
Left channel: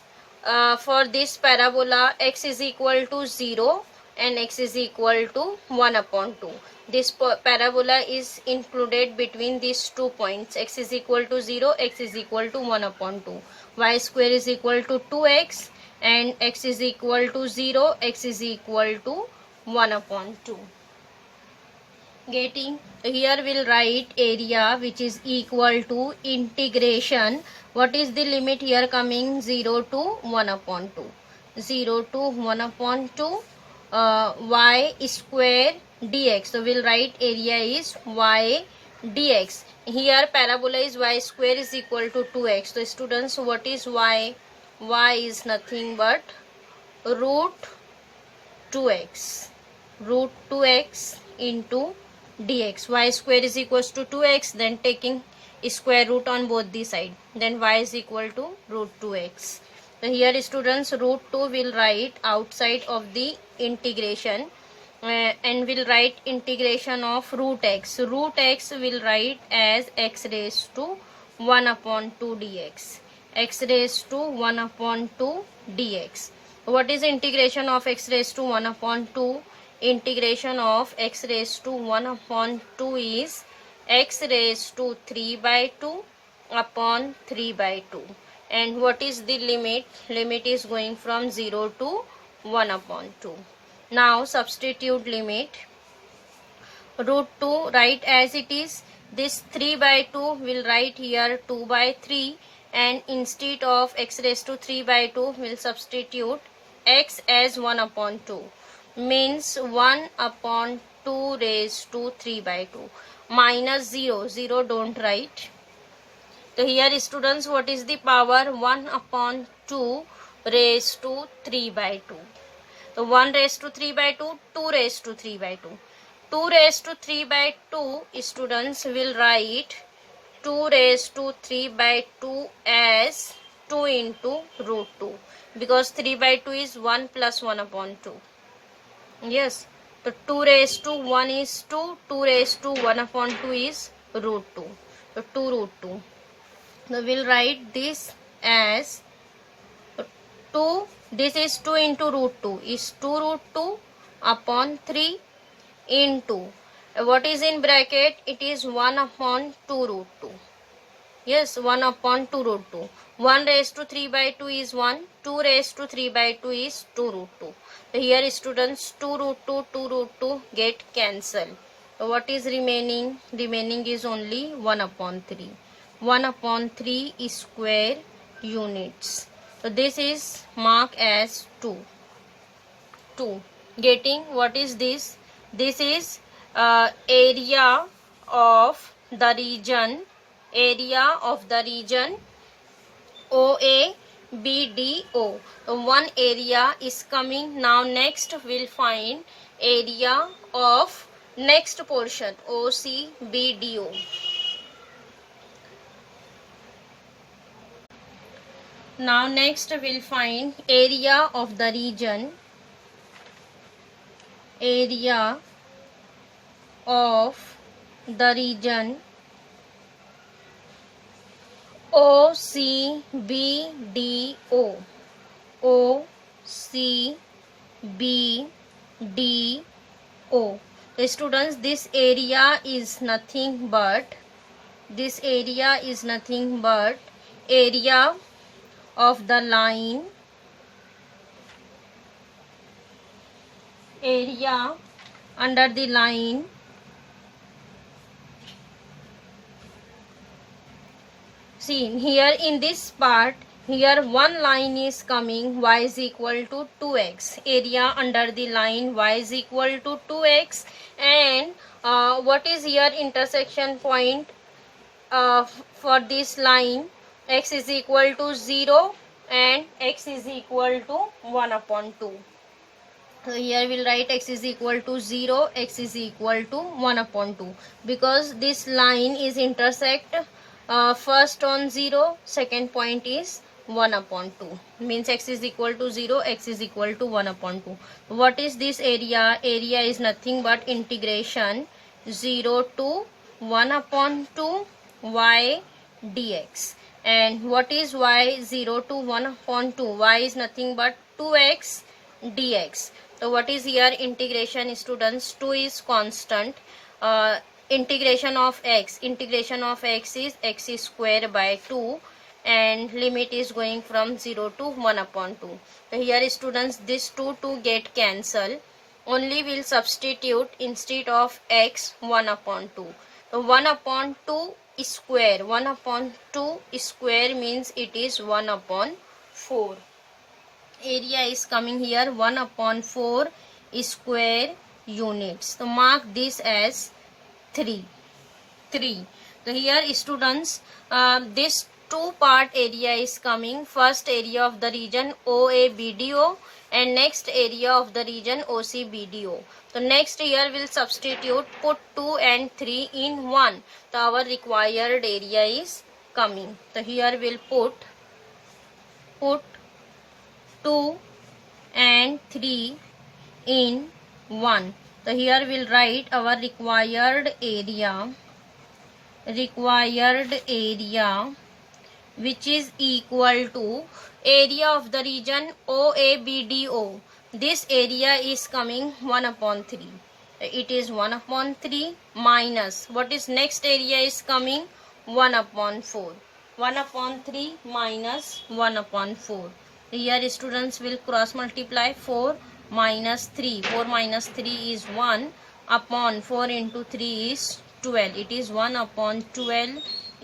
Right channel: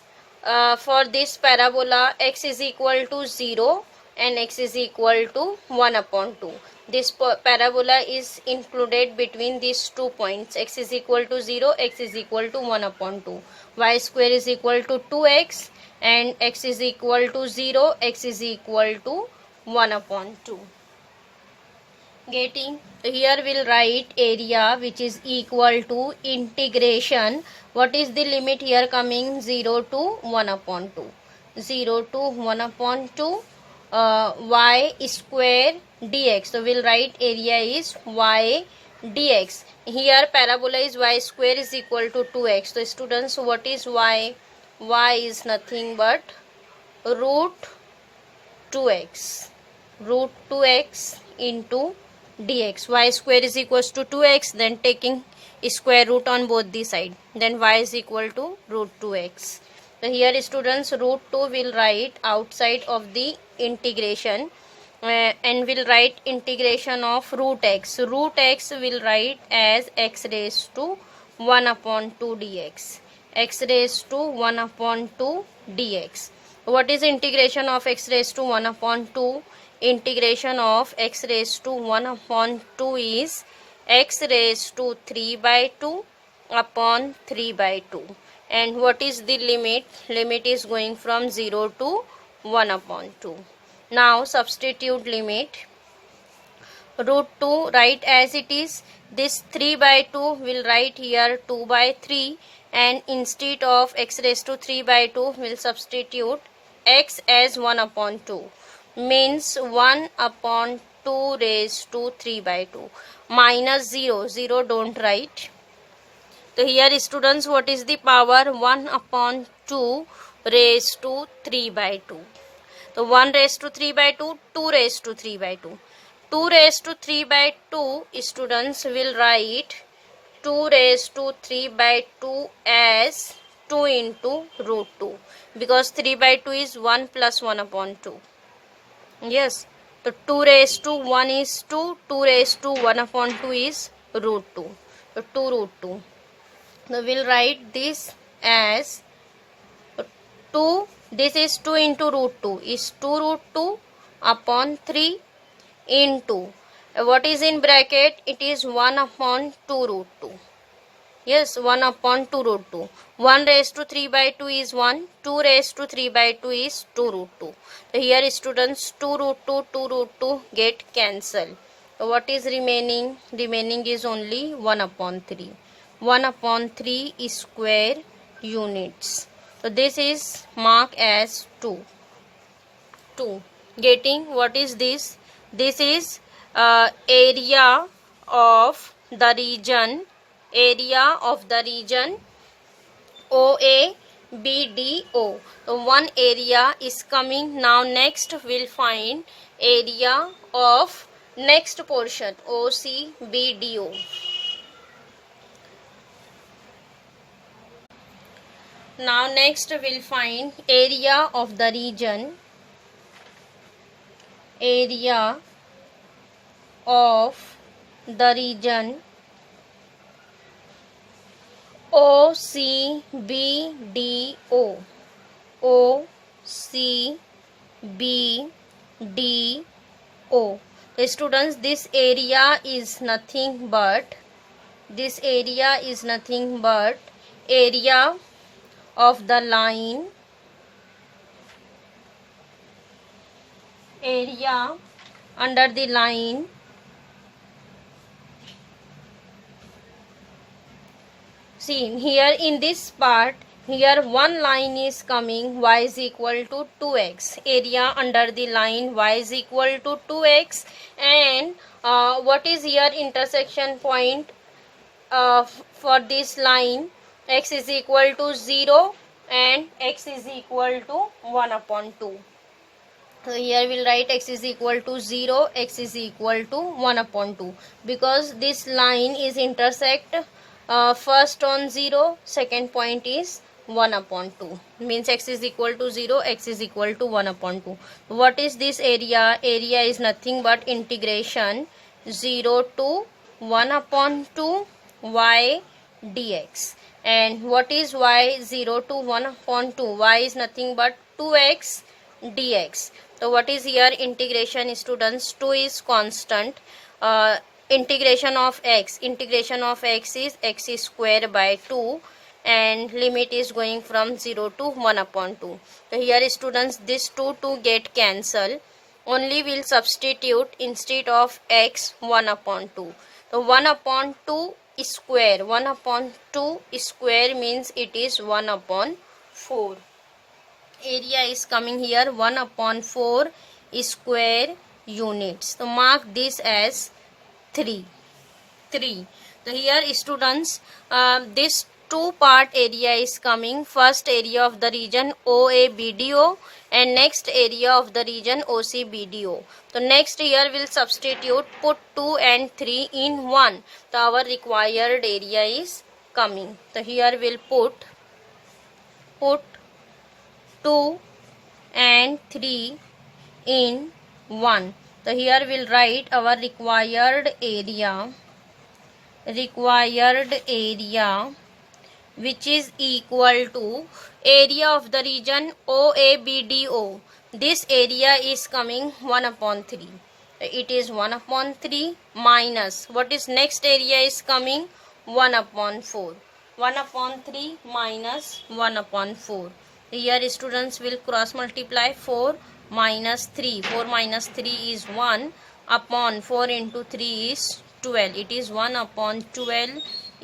for this parabola? X is equal to 0 and x is equal to 1 upon 2. This parabola is included between these 2 points. X is equal to 0, x is equal to 1 upon 2. Y square is equal to 2x, and x is equal to 0, x is equal to 1 upon 2. Getting? Here we'll write area, which is equal to integration. What is the limit here coming? 0 to 1 upon 2. 0 to 1 upon 2 y square dx. So we'll write area is y dx. Here parabola is y square is equal to 2x. So students, what is y? Y is nothing but root 2x. Root 2x into dx. Y square is equals to 2x, then taking square root on both the side, then y is equal to root 2x. So here students, root 2 will write outside of the integration, and will write integration of root x. Root x will write as x raised to 1 upon 2 dx. X raised to 1 upon 2 dx. What is integration of x raised to 1 upon 2? Integration of x raised to 1 upon 2 is x raised to 3 by 2 upon 3 by 2. And what is the limit? Limit is going from 0 to 1 upon 2. Now substitute limit. Root 2 write as it is. This 3 by 2 will write here 2 by 3, and instead of x raised to 3 by 2 will substitute x as 1 upon 2. Means 1 upon 2 raised to 3 by 2. Minus 0. 0 don't write. So here students, what is the power? 1 upon 2 raised to 3 by 2. So 1 raised to 3 by 2, 2 raised to 3 by 2. 2 raised to 3 by 2, students will write 2 raised to 3 by 2 as 2 into root 2, because 3 by 2 is 1 plus 1 upon 2. Yes, so 2 raised to 1 is 2, 2 raised to 1 upon 2 is root 2. So 2 root 2. So we'll write this as 2, this is 2 into root 2 is 2 root 2 upon 3 into, what is in bracket, it is 1 upon 2 root 2. Yes, 1 upon 2 root 2. 1 raised to 3 by 2 is 1, 2 raised to 3 by 2 is 2 root 2. So here students 2 root 2, 2 root 2 get cancelled. So what is remaining? Remaining is only 1 upon 3. 1 upon 3 is square units. So this is marked as 2. 2. Getting what is this? This is area of the region. Area of the region OABDO. So one area is coming. Now next we'll find area of next portion OCBDO. Now next we'll find area of the region. Area of the region OCBDO. OCBDO. Students, this area is nothing but area of the line, area under the line see here in this part, here one line is coming, y is equal to 2x, area under the line y is equal to 2x, and what is here intersection point for this line, x is equal to 0 and x is equal to 1 upon 2. So here we'll write x is equal to 0, x is equal to 1 upon 2, because this line is intersect first on 0, second point is 1 upon 2, means x is equal to 0, x is equal to 1 upon 2. What is this area? Area is nothing but integration 0 to 1 upon 2 y dx. And what is y? 0 to 1 upon 2, y is nothing but 2x dx. So what is here integration, students? 2 is constant. Integration of x is x is square by 2, and limit is going from 0 to 1 upon 2. So here students, this 2 get cancelled. Only will substitute instead of x 1 upon 2. So 1 upon 2 is square. 1 upon 2 is square means it is 1 upon 4. Area is coming here 1 upon 4 is square units. So mark this as 3. So here students, this two part area is coming. First area of the region OABDO and next area of the region OCBDO. So next here we'll substitute, put 2 and 3 in 1. So our required area is coming. So here we'll put 2 and 3 in 1. So here we'll write our required area which is equal to area of the region OABDO. This area is coming 1 upon 3. It is 1 upon 3 minus, what is next area is coming? 1 upon 4. 1 upon 3 minus 1 upon 4. Here students will cross multiply 4 minus 3. 4 minus 3 is 1 upon 4 into 3 is 12. It is 1 upon 12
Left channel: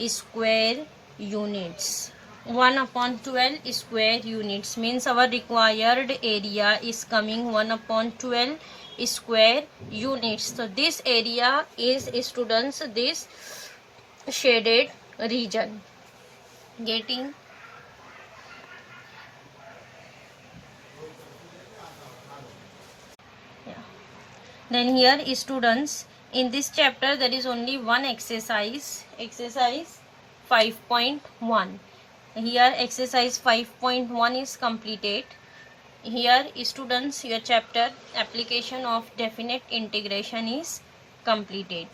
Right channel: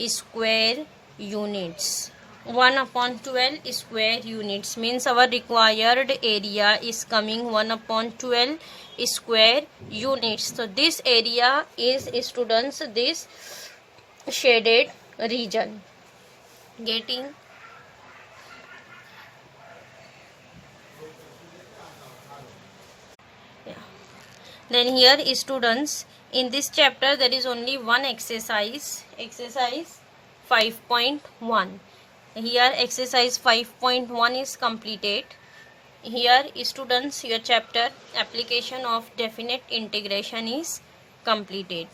square units. 1 upon 12 square units means our required area is coming 1 upon 12 square units. So this area is, students, this shaded region. Getting? Then here students, in this chapter there is only one exercise 5.1. Here exercise 5.1 is completed. Here students, your chapter application of definite integration is completed.